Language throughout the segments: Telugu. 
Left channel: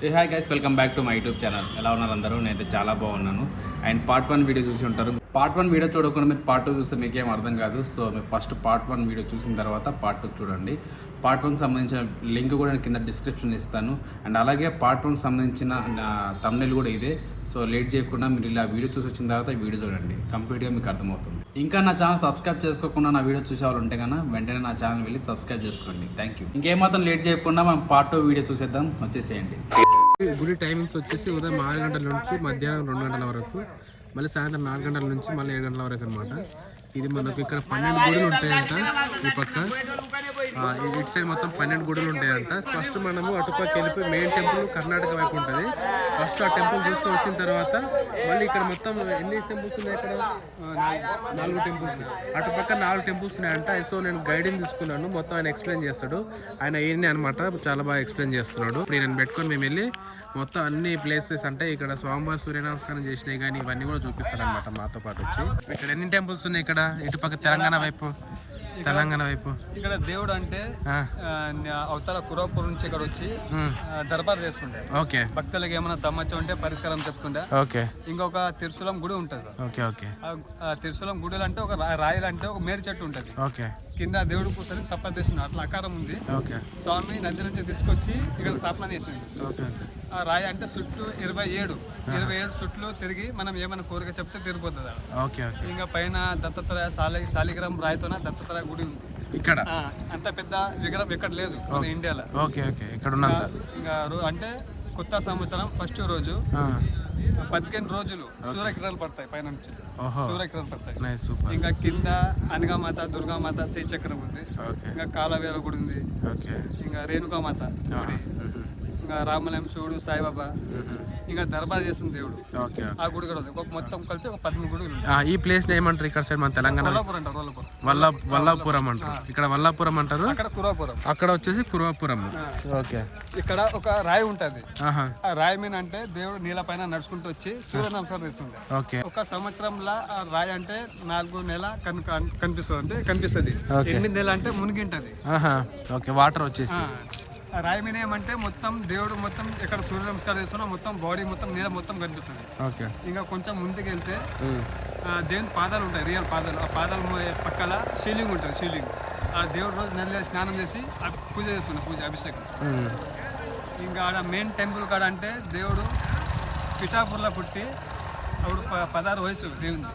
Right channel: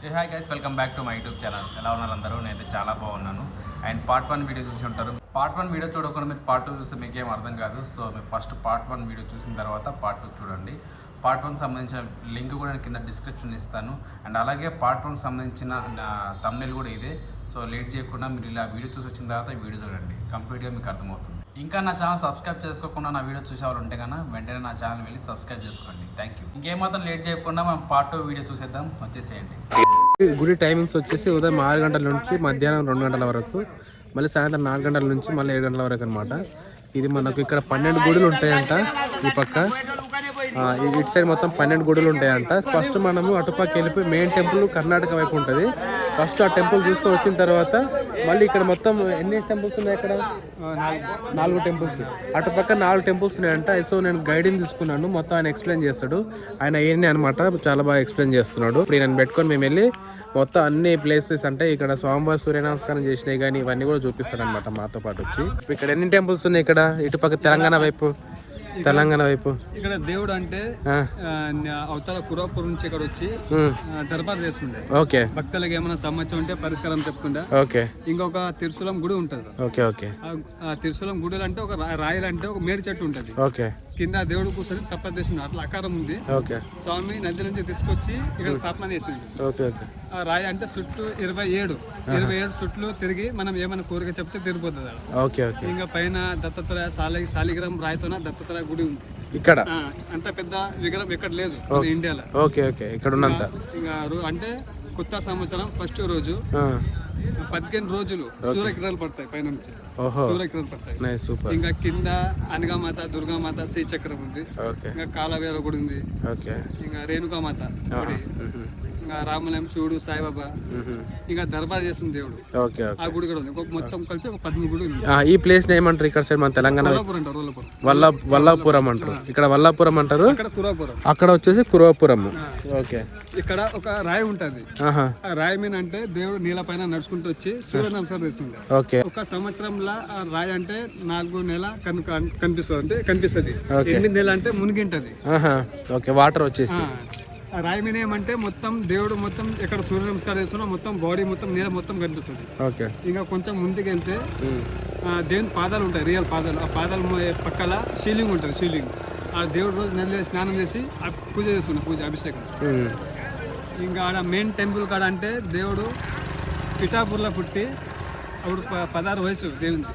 Hi guys, welcome back to my YouTube channel. ఎలా ఉన్నారు అందరూ? నేనైతే చాలా బాగున్నాను. అండ్ పార్ట్ 1 వీడియో చూసి ఉంటారు. పార్ట్ 1 వీడియో చూడకుండా మీరు పార్ట్ 2 చూస్తే మీకేం అర్థం కాదు. సో మీరు ఫస్ట్ పార్ట్ 1 వీడియో చూసిన తర్వాత పార్ట్ 2 చూడండి. పార్ట్ 1కి సంబంధించిన లింక్ కూడా నేను కింద డిస్క్రిప్షన్ ఇస్తాను. అండ్ అలాగే పార్ట్ 1కి సంబంధించిన థంబ్నెయిల్ కూడా ఇదే. సో లేట్ చేయకుండా మీరు ఇలా వీడియో చూసి వచ్చిన తర్వాత ఈ వీడియో చూడండి, కంప్లీట్గా మీకు అర్థమవుతుంది. ఇంకా నా ఛానల్ సబ్స్క్రైబ్ చేసుకోకుండా నా వీడియో చూసేవాళ్ళు ఉంటే కన్నా వెంటనే నా ఛానల్ వెళ్ళి సబ్స్క్రైబ్ చేసుకోండి. Thank you. ఇంకేమాత్రం లేట్ చేయకుండా మనం పార్ట్ 2 వీడియో చూసేద్దాం. వచ్చేసేయండి. గుడి టైమింగ్స్ వచ్చేసి ఉదయం 6 గంటల నుంచి మధ్యాహ్నం 2 గంటల వరకు, మళ్ళీ సాయంత్రం 4 గంటల నుంచి మళ్ళీ 7 గంటల వరకు అనమాట. ఇది మనకు ఇక్కడ 12 గుడులు ఉంటాయంట. ఈ పక్క ఇటు సైడ్ మొత్తం 12 గుడులు ఉంటాయంట. ఫస్ట్ మనము అటుపక్క వెళ్ళిపోయి మెయిన్ టెంపుల్ కర్ణాటక వైపు ఉంటుంది. ఫస్ట్ ఆ టెంపుల్ చూసుకొని వచ్చిన తర్వాత మళ్ళీ ఇక్కడ మొత్తం ఎన్ని టెంపుల్స్ ఉన్నాయి? ఇక్కడ 4 టెంపుల్స్. అటుపక్క 4 టెంపుల్స్ ఉన్నాయంట. సో నేను గైడింగ్ తీసుకున్నాను, మొత్తం ఆయన ఎక్స్ప్లెయిన్ చేస్తాడు. ఆయన ఏంటి అనమాట చాలా బాగా ఎక్స్ప్లెయిన్ చేస్తున్నాడు. ఇప్పుడు నేను పెట్టుకొని మేము వెళ్ళి మొత్తం అన్ని ప్లేసెస్ అంటే ఇక్కడ స్వామివారి సూర్య నమస్కారం చేసినాయి కానీ ఇవన్నీ కూడా చూపిస్తాడు అనమాట మాతో పాటు వచ్చి. ఇక్కడ ఎన్ని టెంపుల్స్ ఉన్నాయి? ఇక్కడ ఇటుపక్క తెలంగాణ వైపు ఇక్కడ దేవుడు అంటే అవతల కురాపూర్ నుంచి ఇక్కడ వచ్చి దర్బార్ చేసుకుంటే ఓకే, భక్తులకు ఏమైనా సమస్య ఉంటే పరిష్కారం చెప్తుండే. ఓకే, ఇంకొక తిరుశూలం గుడి ఉంటుంది సార్. ఓకే ఓకే, ఆ తిరుశూలం గుడి అంటే ఒక రాయలు అంటే ఒక మేడి చెట్టు ఉంటుంది. ఓకే, కింద దేవుడు కూర్చొని తప్పదేసింది, అట్లా ఆకారం ఉంది. ఓకే, స్వామి నది నుంచి తీసుకొచ్చి ఇక్కడ స్థాపన చేసింది. ఓకే ఓకే, ఆ రాయి అంటే చుట్టూ 27 చుట్లు తిరిగి మనం ఏమైనా కోరిక చెప్తే తిరిగిపోతుంది. ఓకే ఓకే, ఇంకా పైన దత్తాత్రేయ శాలిగ్రామ్ రాయితోన దత్తాత్రేయ గుడి ఉంది ఇక్కడ. అంత పెద్ద విగ్రహం ఎక్కడ లేదు ఇండియాలో. ఓకే ఓకే, ఇక్కడ ఉన్నంత ఇంకా అంటే కొత్త సంవత్సరం ఫస్ట్ రోజు 15 రోజులు సూర్యకిరణాలు పడతాయి పైన నుంచి. సూర్యకిరణాలు పడతాయి. ఇంకా కింద అనగామాత, దుర్గామాత, శ్రీచక్రం ఉంది. ఇంకా కాలవేర గుడి ఉంది. ఇంకా రేణుకామాత గుడి, ఇంకా రామలయం, శివుడు, సాయిబాబా, ఇంకా దర్బార్ చేస్తుంది దేవుడు. ఆ గుడి కూడా ఉంది. మొత్తం కలిసి ఒక 13 గుడి ఉంది. ఈ ప్లేస్ ఏమంటారు ఇక్కడ సైడ్ మన తెలంగాణ? వల్లాపురం అంటారు. ఇక్కడ వల్లాపురం అంటారు, అక్కడ వచ్చేసి కురవపురం. ఓకే, ఇక్కడ ఒక రాయి ఉంటది. ఆ రాయి మీద అంటే దేవుడు నీళ్ళ పైన నడుచుకుంటూ వచ్చి సూర్య నమస్కారం చేస్తుంది. ఓకే, ఒక సంవత్సరంలో ఆ రాయి అంటే 4 నెలల కనిపిస్తుంది. అంటే కనిపిస్తుంది 8 నెలలు అంటే మునిగింటది. ఓకే, వాటర్ వచ్చేసి ఆ రాయి మీద ఏమంటే మొత్తం దేవుడు మొత్తం ఎక్కడ సూర్య నమస్కారం చేస్తున్నా మొత్తం బాడీ మొత్తం నీళ్ళ మొత్తం కనిపిస్తుంది. ఓకే, ఇంకా కొంచెం ముందుకు వెళ్తే దేవుని పాదాలు ఉంటాయి, రియల్ పాదాలు. ఆ పాదాల పక్కల శివలింగం ఉంటుంది. శివలింగం ఆ దేవుడు రోజు నదిలో స్నానం చేసి పూజ చేస్తున్నా, పూజ అభిషేకం. ఇంకా ఆడ మెయిన్ టెంపుల్ కాడ అంటే దేవుడు పిఠాపూర్లో పుట్టి అప్పుడు 16 వయసు దేవుంది.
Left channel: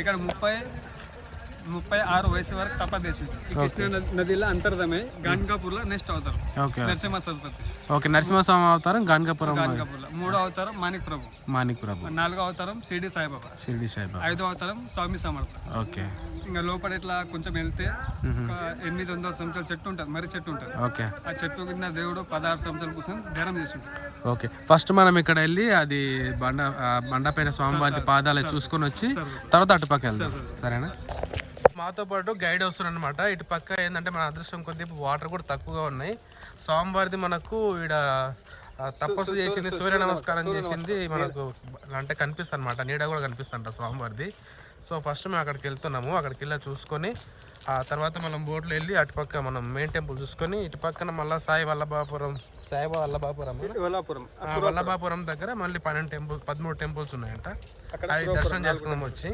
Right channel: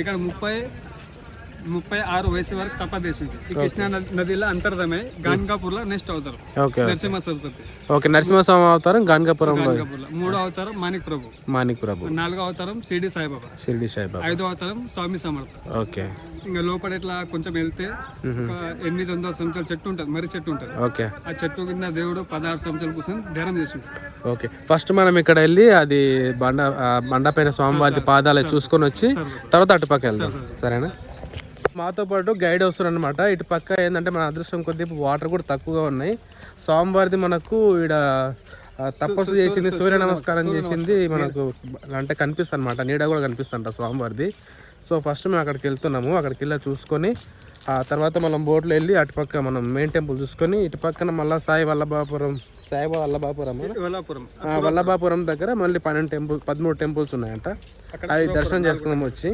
ఇక్కడ 36 వయసు వరకు తపదేశింది. ఈ కృష్ణా నదిలో అంతర్గతమై గాన్గాపూర్ లో నెక్స్ట్ అవతారం నరసింహ సరస్వతి. ఓకే, నరసింహస్వామి అవతారం గాన్గాపురం. 3వ అవతారం మాణిక్ ప్రభు. 4వ అవతారం షిరిడి సాయిబాబా. 5వ అవతారం స్వామి సమర్థ. ఓకే, ఇంకా లోపల ఇట్లా కొంచెం వెళ్తే 800 సంవత్సరాల చెట్టు ఉంటుంది, మర్రి చెట్టు ఉంటుంది. ఓకే, ఆ చెట్టు కింద దేవుడు 16 సంవత్సరాల కోసం ధ్యానం చేసి ఉంటాడు. ఓకే, ఫస్ట్ మనం ఇక్కడ వెళ్ళి అది బండ పైన స్వామివారి పాదాలు చూసుకొని వచ్చి తర్వాత అటుపక్క వెళ్దాం. సరేనా? మాతో పాటు గైడ్ వస్తారు అనమాట. ఇటు పక్క ఏంటంటే మన అదృష్టం కొద్దిగా వాటర్ కూడా తక్కువగా ఉన్నాయి. స్వామివారిది మనకు ఇక్కడ తపస్సు చేసింది, సూర్య నమస్కారం చేసింది మనకు అంటే కనిపిస్తుంది అనమాట. నీడ కూడా కనిపిస్తుంట స్వామివారిది. సో ఫస్ట్ మేము అక్కడికి వెళ్తున్నాము. అక్కడికి వెళ్ళి చూసుకొని ఆ తర్వాత మనం బోట్లో వెళ్ళి అటుపక్క మనం మెయిన్ టెంపుల్ చూసుకొని ఇటు పక్కన మళ్ళీ వల్లభాపురం దగ్గర మళ్ళీ 13 టెంపుల్స్ ఉన్నాయంట. అవి దర్శనం చేసుకున్నాము వచ్చి.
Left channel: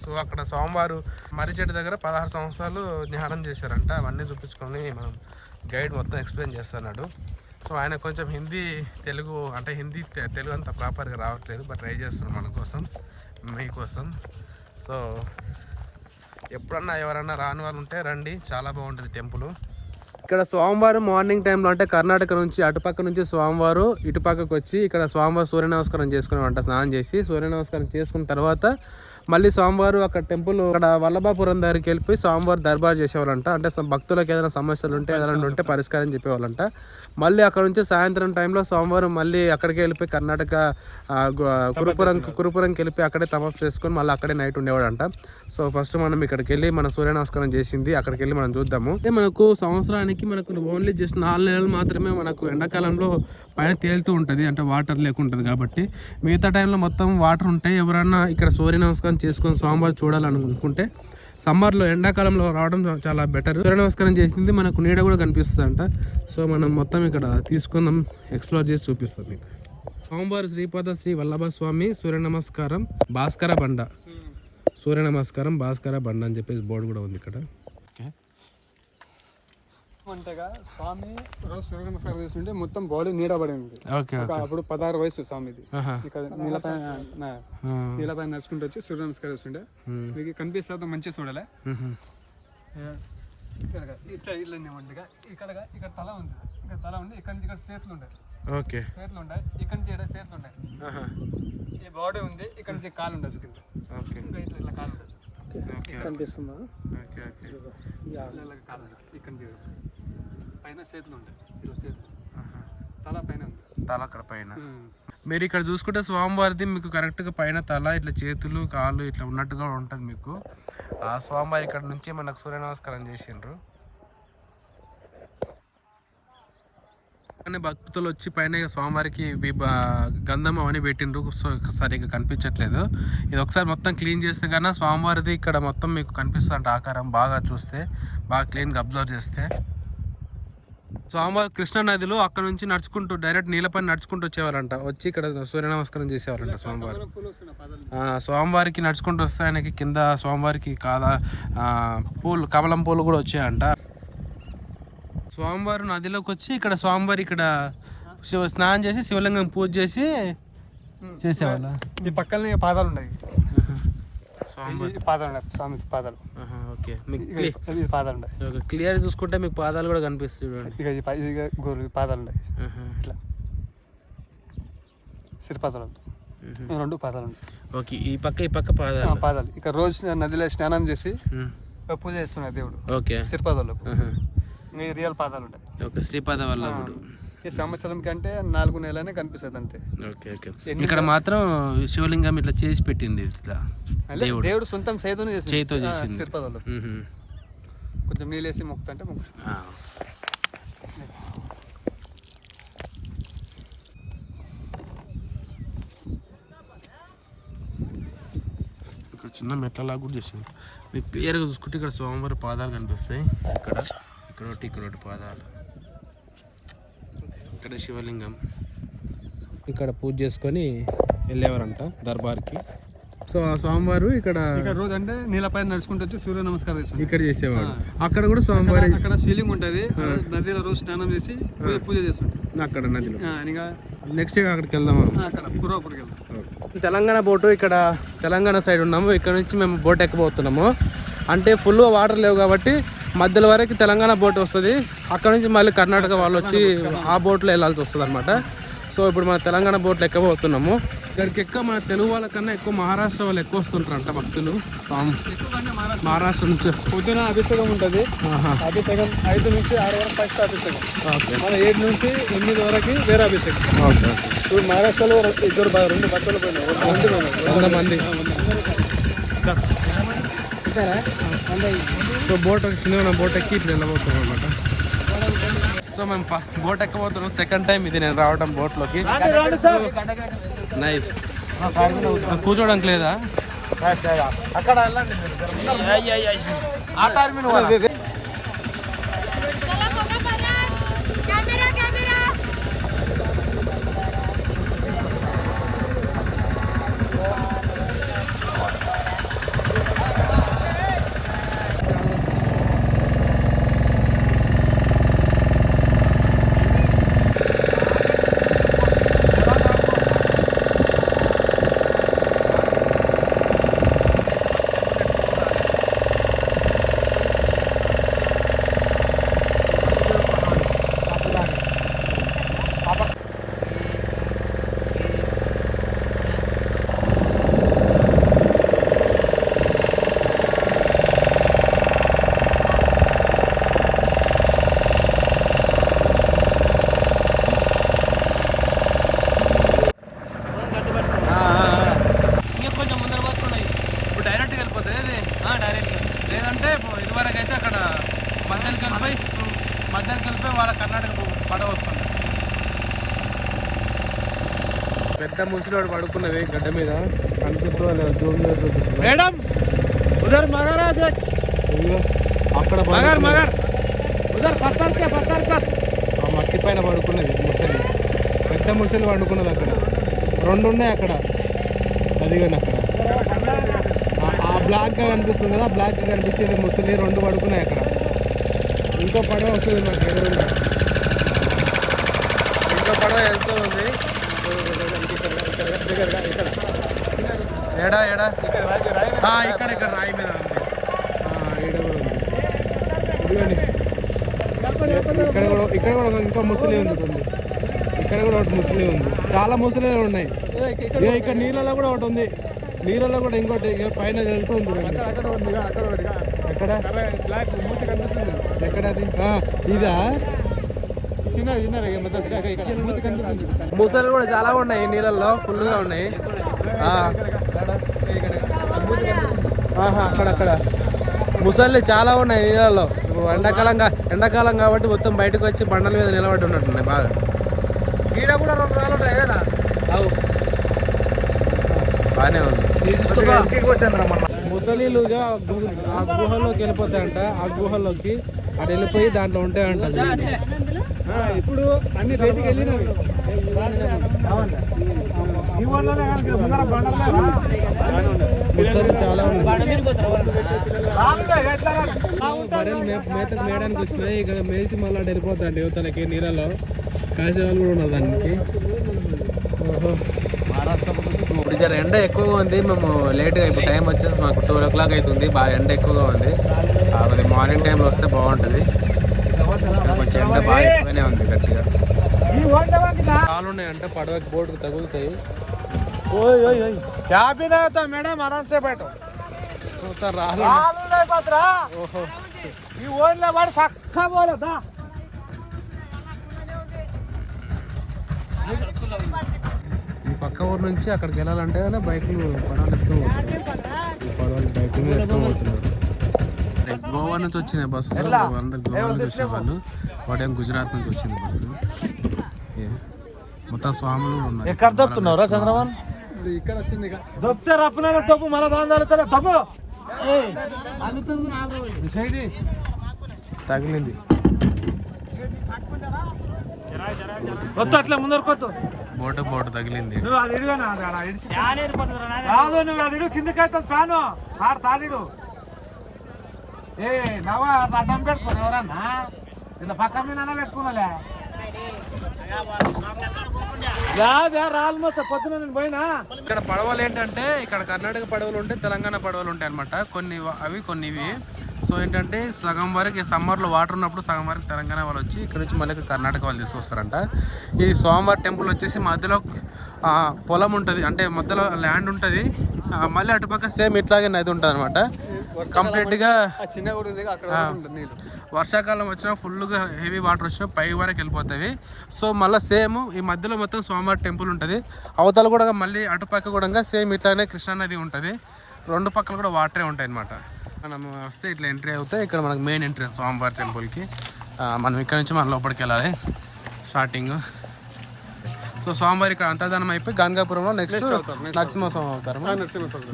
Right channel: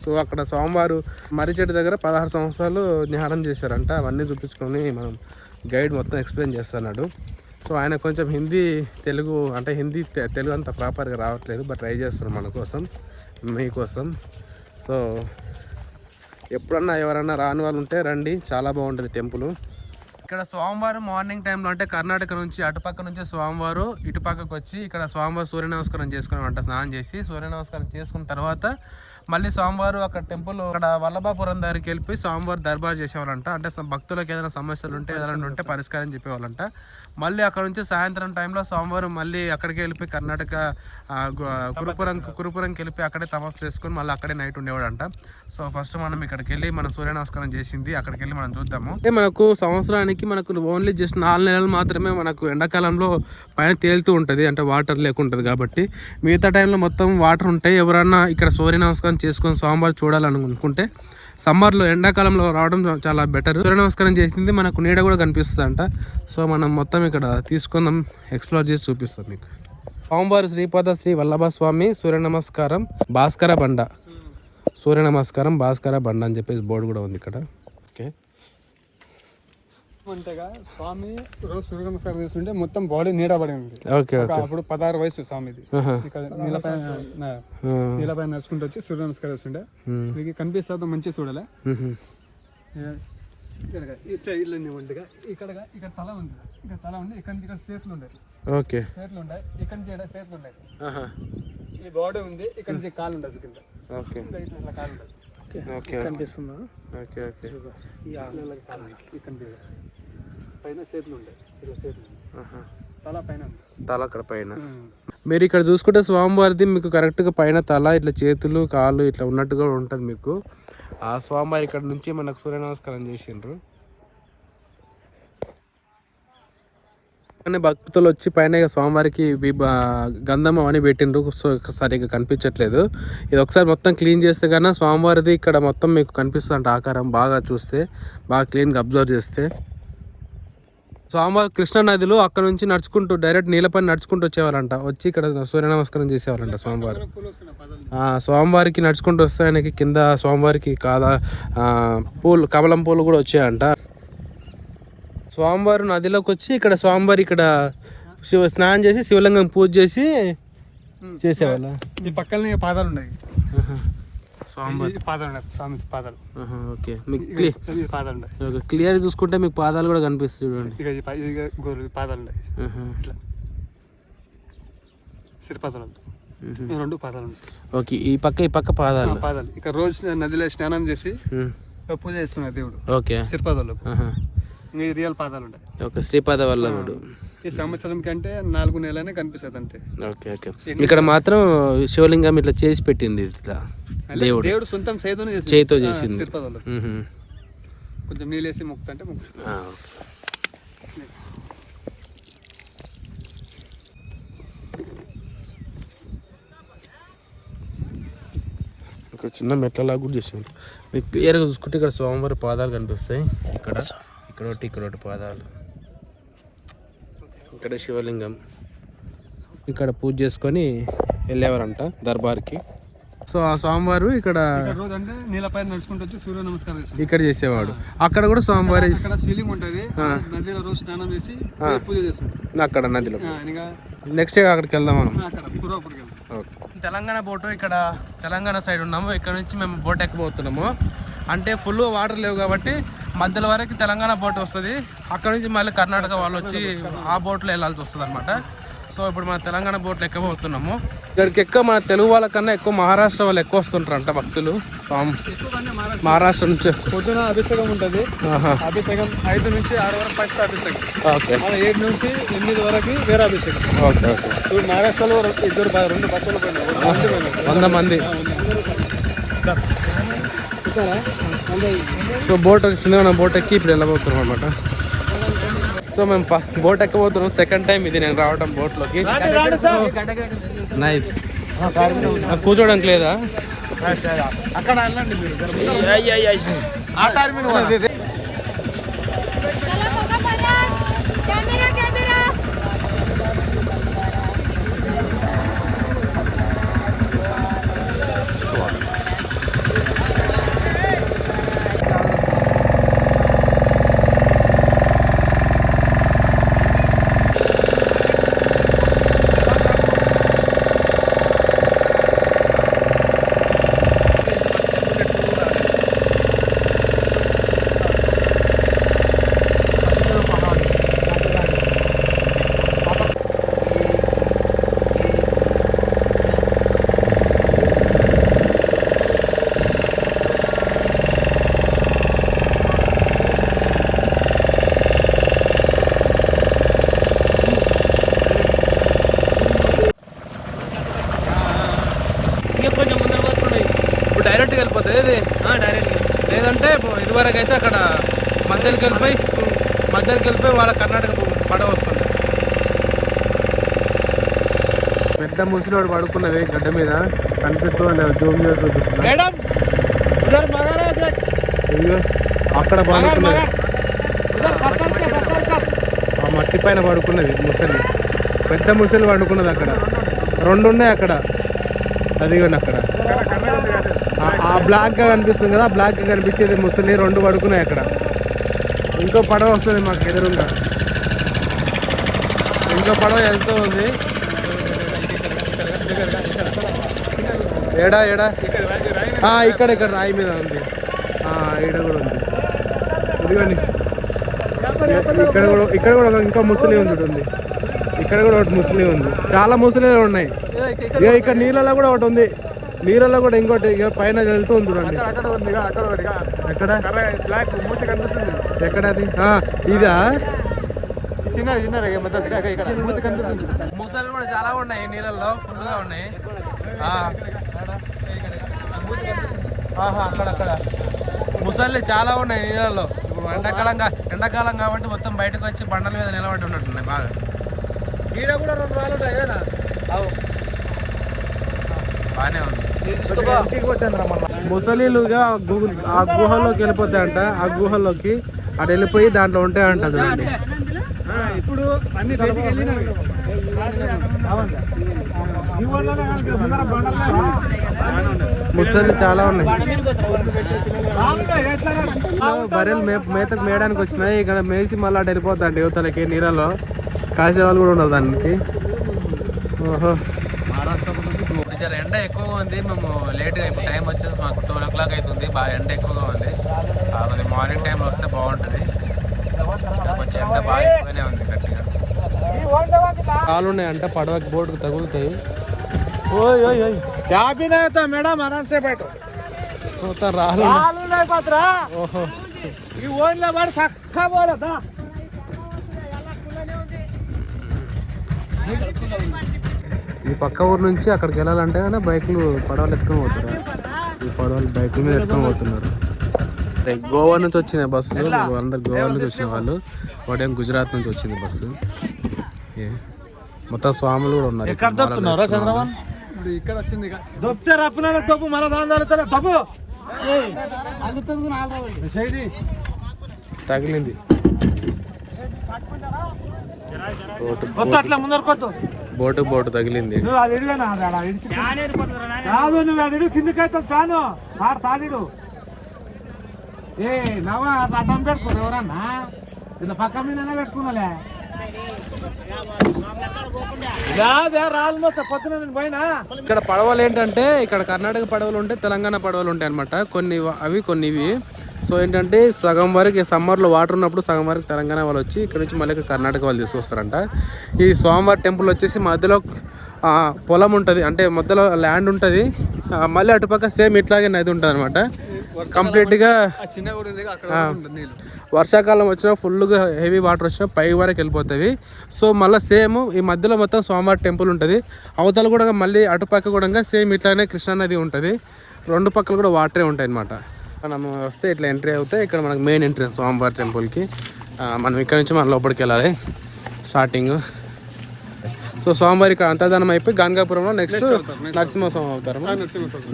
సో అక్కడ స్వామివారు మర్రి చెట్టు దగ్గర 16 సంవత్సరాలు ధ్యానం చేశారంట. అవన్నీ చూపించుకొని మనం గైడ్ మొత్తం ఎక్స్ప్లెయిన్ చేస్తున్నాడు. సో ఆయన కొంచెం తెలుగు అంత ప్రాపర్గా రావట్లేదు, బట్ ట్రై చేస్తున్నాం మన కోసం, మీకోసం. సో ఎప్పుడన్నా ఎవరన్నా రాని వాళ్ళు ఉంటే రండి, చాలా బాగుంటుంది టెంపుల్. ఇక్కడ స్వామివారు మార్నింగ్ టైంలో అంటే కర్ణాటక నుంచి అటుపక్క నుంచి స్వామివారు ఇటుపక్కకు వచ్చి ఇక్కడ స్వామివారు సూర్య నమస్కారం చేసుకున్నామంట. స్నానం చేసి సూర్య నమస్కారం చేసుకున్న తర్వాత మళ్ళీ స్వామివారు అక్కడ టెంపుల్ అక్కడ వల్లభాపురం దగ్గరికి వెళ్ళిపోయి స్వామివారు దర్బార్ చేసేవాళ్ళంట. అంటే భక్తులకు ఏదైనా సమస్యలు ఉంటే ఏదైనా ఉంటే పరిష్కారం చెప్పేవాళ్ళంట. మళ్ళీ అక్కడ నుంచి సాయంత్రం టైంలో స్వామివారం మళ్ళీ అక్కడికి వెళ్ళిపోయి కర్ణాటక కురుపురంకి వెళ్ళిపోయి అక్కడే తపస్సు చేసుకొని మళ్ళీ అక్కడే నైట్ ఉండేవాడంట. సో ఫస్ట్ మనం ఇక్కడికి వెళ్ళి మన సూర్య నమస్కారం చేసింది అక్కడికి వెళ్ళి మనం చూద్దాము. మనకు సంవత్సరానికి మనకు ఓన్లీ జస్ట్ 4 నెలలు మాత్రమే మనకు ఎండాకాలంలో పైన తేలుతూ ఉంటుంది, అంటే వాటర్ లేకుంటుంది కాబట్టి. మిగతా టైంలో మొత్తం వాటర్ ఉంటాయి. ఎవరన్నా ఇక్కడ సూర్య నమస్కారం చేసుకొని స్వామివారు చూడాలనుకుంటే సమ్మర్లో ఎండాకాలంలో రావడం చాలా బెటర్. సూర్య నమస్కారం చేసింది మనకు నీడ కూడా కనిపిస్తుంది అంట. సో మనం మొత్తం ఇక్కడ తీసుకుందాం, ఎక్స్ప్లోర్ చేసి చూపిస్తాం మీకు. స్వామివారి శ్రీపాద శ్రీ వల్లభ స్వామి సూర్య నమస్కారం భాస్కర బండ, సూర్య నమస్కారం భాస్కర బండ అని చెప్పేసి బోర్డు కూడా ఉంది ఇక్కడ. ఓకే, అంతేగా స్వామి రోజు సూర్య నమస్కారం చేస్తుంటే మొత్తం బాడీ నీడబడి ఉంది. Okay okay. అప్పుడు 16 వయసు స్వామిది. ఇక్కడ నీళ్ళపైన నడుచుకుంటూ వచ్చి సూర్య నమస్కారం చేస్తుండే. మీకు కనిపిస్తుంది మంచి చూడలే. ఇట్లా ఇల్లు ఒంటిగా ఇక్కడ తల ఉంది, ఇక్కడ తల ఉంది, ఇక్కడ నుంచి ఇక్కడ చేతులు ఉండేది. ఓకే, చేతులు ఉంటాయి, ఇక్కడ నుంచి ఇక్కడ చేతులు ఉంటాయి. ఈ బాడీ ఉంది, ఇక్కడ నుంచి కాలు ఉండదు కింద. ఓకే, ఇట్లా కాలు ఉండదు. ఓకే కనిపిస్తుంది. Okay okay. కాలు ఇక్కడ పైన చేతులు ఉంటాయి, ఇలా చేతులు తల పైన, తల అక్కడ పైన. మీరు ఇక్కడ చూసుకుంటే స్వామివారిది మీకు కరెక్ట్గా పైన తల ఇట్లా చేతులు కాళ్ళు ఇట్లా ఉన్నట్టుగా ఉంటుంది మీకు. ఆ స్వామివారి ఇక్కడ నుంచి మనకు సూర్య నమస్కారం చేసిండ్రు. కానీ భక్తులు వచ్చి పైన స్వామివారికి గంధం అని పెట్టిండ్రు. సో సరిగ్గా కనిపించట్లేదు. ఇది ఒకసారి మొత్తం క్లీన్ చేస్తే కన్నా స్వామివారిది ఇక్కడ మొత్తం మీకు కనిపిస్తుంది ఆకారం. బాగా చూస్తే, బాగా క్లీన్గా అబ్జర్వ్ చేస్తే స్వామివారి కృష్ణా నదిలో అక్కడ నుంచి నడుచుకుంటూ డైరెక్ట్ నీళ్ళపైన నడుచుకుంటూ వచ్చేవారంట. వచ్చి ఇక్కడ సూర్య నమస్కారం చేసేవారంట స్వామివారు. స్వామివారికి నడుచుకుంటూ వస్తే ఆయనకి కింద స్వామివారికి పూలు, కమలం పూలు కూడా వచ్చాయంట. స్వామివారు నదిలోకి వచ్చి ఇక్కడ స్వామివారి ఇక్కడ స్నానం చేసి శివలింగం పూజ చేసి చేసేవాళ్ళ. ఈ పక్కన పాదాలు ఉన్నాయి, స్వామివారి పాదాలు ఉన్నాయి, స్వామి పాదాలు. ఓకే, మీకు పాదాలు ఉన్నాయి. క్లియర్ చూసుకుంటే మీకు పాదాలు కూడా కనిపిస్తాయి చూడండి. పాదాలు ఉన్నాయి, ఇట్లా సిరిపాదాలు, రెండు పాదాలు ఉన్నాయి. ఓకే, ఈ పక్క పాదాలు. ఇక్కడ రోజు నదిలో స్నానం చేసి పూజ చేస్తున్నారు దేవుడు. ఓకే, సిరిపాదాలు రియల్ పాదాలు ఉంటాయి. ఓకే, శ్రీపాద వల్లభుడు. ఈ సంవత్సరం కంటే 4 నెలలనే కనిపిస్తుంది అంతే. Okay okay. ఇక్కడ మాత్రం శివలింగం ఇట్లా చేసి పెట్టింది, ఇట్లా దేవుడు సొంతం చేతితో చేసింది. సిరిపాదాలు కొంచెం నీళ్ళేసి మొక్కుతుంటే ఇక్కడ చిన్న మెట్లలాగా కూడా చేసింది. మీకు క్లియర్గా చూసుకుంటే ఇక్కడ స్వామివారి పాదాలు కనిపిస్తాయి. ఇక్కడ ఒకటి పాదాలు, ఇక్కడ శివలింగం. ఇక్కడ పూజ చేసుకొని వెళ్ళేవారంట దర్బార్కి. సో ఆ స్వామివారు ఇక్కడ రోజు అంటే నీళ్ళపైన నడుచుకుంటూ వచ్చి సూర్య నమస్కారం చేసి ఇక్కడ చేసేవాడు. అక్కడ కూడా స్వామివారి అక్కడ శివలింగం ఉంటుంది, నదిలో రోజు స్నానం చేసి పూజ చేస్తుంటాం అక్కడ నదిలో. ఇంకా నెక్స్ట్ అక్కడికి వెళ్దాం మనం. అక్కడ కురాపూర్కి వెళ్తాం. తెలంగాణ బోటు ఇక్కడ తెలంగాణ సైడ్ ఉన్నాము. ఇక్కడ నుంచి మేము బోట్ ఎక్కబోతున్నాము. అంటే ఫుల్ వాటర్ లేవు కాబట్టి మధ్యలో వరకు తెలంగాణ బోట్ వస్తుంది. అక్కడ నుంచి మళ్ళీ కర్ణాటక వాళ్ళు వచ్చి ఆ బోట్లో వెళ్ళాల్సి వస్తుంది అనమాట. సో ఇప్పుడు మన తెలంగాణ బోట్లు ఎక్కబోతున్నాము. ఇక్కడికి ఎక్కువ మన తెలుగు వాళ్ళకన్నా ఎక్కువ మహారాష్ట్ర వాళ్ళు ఎక్కువ వస్తుంటారంట భక్తులు. మహారాష్ట్ర నుంచి పొద్దున అభిషేకం ఉంటుంది. అభిషేకం 5 నుంచి 7 నుంచి 8 వరకు వేరే అభిషేకం. Okay okay. మహారాష్ట్రలో 2 బస్సులు 100 మంది. సో బోట్ చిన్న బోట్ ఎక్కి ఇప్పుడు వెళ్ళబోతున్నాం అనమాట. సో మేము బోట్ ఎక్కబోతున్నాం. సెకండ్ టైం ఇది నేను రావడం బోట్లోకి. నైస్. కూర్చోడానికి లేదా? అక్కడ డైరెక్ట్గా వెళ్ళిపోతుంది ఇది. లేదంటే ఇదివరకు అయితే అక్కడ మధ్యలోకి వెళ్ళిపోయి వాళ్ళ కర్ణాటక పడవ వస్తుంది. పెద్ద ముసలివాడు పడుకున్నది గడ్డ మీద కనిపిస్తూ లేదు. జూమ్ చేసి ఇదిగో అక్కడ ఆ మట్టి పైన పడుకున్నది ముసలి, పెద్ద ముసలి పడుకున్నది అక్కడ. 2 ఉన్నాయి అక్కడ, అదిగోండి అక్కడ ఆ బ్లాక్గా కనిపిస్తుంది కదా, బ్లాక్గా కనిపించేది ముసలి 2 పడుకున్నాయి అక్కడ. ఇంకో పడవ వస్తుంది మాకు ఎదురుగా, ఇంకో పడవ వెళ్తూ ఉంది. ఏడా ఇక్కడ రాయి మీద ఉంది. ఈడ కూడా ఉంది. ఇదిగోండి ఇక్కడ కూడా ఇంకా ముసలి ఉంది. ఇక్కడ కూడా ఒకటి ముసలి ఉంది. చాలా ముసలి ఉన్నాయి. ఇక ఇక్కడ నీళ్ళలో కూడా ఒకటి ఉంది. నీళ్ళలో కూడా ఇంకోటి ఇక పైన వెళ్తూ ఉంది. ఎక్కడ అది? ఇదా ముసలి కూడా చాలా ఉన్నాయి నీళ్ళల్లో, ఫుల్గా ఉన్నాయి. అక్కడ ముసలి చాలా ఉన్నాయి నీళ్ళలో. ఎండాకాలం కాబట్టి మొత్తం బయటకు వచ్చి బండల మీద నిలబడి ఉన్నట్టున్నాయి బాగా. బాగానే ఉంది. ముసలిలుగా ఆ గుహలోకి వెళ్ళిపోతాయంట. ఆ గుహలోకి అటు వెళ్ళిపోయి దాంట్లో ఉంటాయంట. ఇప్పుడు అన్ని ముసలి చాలా ఉన్నాయి. బర్రెలు మేతకు మేయడానికి వచ్చినాయి. ఇక్కడ మేసి మళ్ళీ అటు వెళ్ళిపోతాండి యువతలకి. నీళ్ళలో కాసేవాళ్ళు కూడా ఉండదు దానికి. ఓహో, ఇప్పుడు జర ఎండ ఎక్కువగా ఉంది. మేము లేట్గా, ఇప్పుడు టైం వచ్చేసి మాకు 12 o'clock అవుతుంది. బాగా ఎండ ఎక్కువగా ఉంది. మరి మార్నింగ్ టైంలో వస్తే బాగుంటుంది. కొంచెం ఎండ బాగా ఎక్కువగానే ఉంది, గట్టిగా. కాలు ఉన్నాయంట పడవకి, బోర్డుకు తగులుతాయి. మేడం ఆరామ్సే బయట రాళ్ళు. ఓహో, ఈ పక్క ఊరు నుంచి అక్కడికి వెళ్ళాలంటే బైకులు, పడవలు ఎత్తుకొని పోతున్నారు. ఈ పడవలు బైకుల మీద ఎత్తుకొని పోతున్నారు. గోవా నుంచి వచ్చిన బస్సులు, అందరు గోవా నుంచి వచ్చిన వాళ్ళు. వాడేం గుజరాత్ నుంచి వచ్చింది బస్సు. మొత్తం స్వాములు కూడా ఉన్నారు. తగిలింది. బోటు తగిలింది. రాదు నువ్వు అది కిందకైతే ఫ్యాను తాళిడు ఏ నవ్వ అడ్డం పెట్టుకోరు ఎవరన్నా, ఇలా పక్క మీద పెట్టుకున్నాలే. ఇక్కడ పడవలు ఏంటంటే, ఇక్కడ కర్ణాటక పడవలు ఉంటాయి, తెలంగాణ పడవలు ఉంటాయి అనమాట. కొన్ని అవి కొన్ని ఇవి. సో ఏంటంటే సగం వరకు సమ్మర్లో వాటర్ ఉన్నప్పుడు సగం వరకు తెలంగాణ వాళ్ళు వచ్చి ఇక్కడ నుంచి మళ్ళీ కర్ణాటక వాళ్ళు తీసుకొస్తారంట. ఈ స్వామివారి టెంపుల్ వచ్చేసి మధ్యలో పొలం ఉంటుంది, అంటే మధ్యలో ల్యాండ్ ఉంటుంది. మళ్ళీ అటుపక్క సేమ్ ఇట్లాగే నది ఉంటుంది అనమాట. కంప్లీట్గా వర్షాకాలం వచ్చినా ఫుల్గా హెవీ వాటర్ వచ్చినా పై వరకు వెళ్ళిపోతుంది. సో మళ్ళీ సేమ్ ఈ మధ్యలో మొత్తం స్వామివారి టెంపుల్ ఉంటుంది. అవతల కూడా మళ్ళీ అటుపక్క కూడా సేమ్ ఇట్లానే కృష్ణానది ఉంటుంది. 2 పక్కలు కూడా వాటరే ఉంటాయి అనమాట. మనం వస్తే ఇట్లా ఎంట్రీ అవుతే ఇక్కడ మనకు మెయిన్ ఎంట్రీ స్వామివారి టెంపుల్కి. మనం ఇక్కడ నుంచి మన లోపలికి వెళ్ళాలి స్టార్టింగ్. సో స్వామివారి ఇక్కడ అంతర్ధానం అయిపోయి గాన్గాపురంలో నెక్స్ట్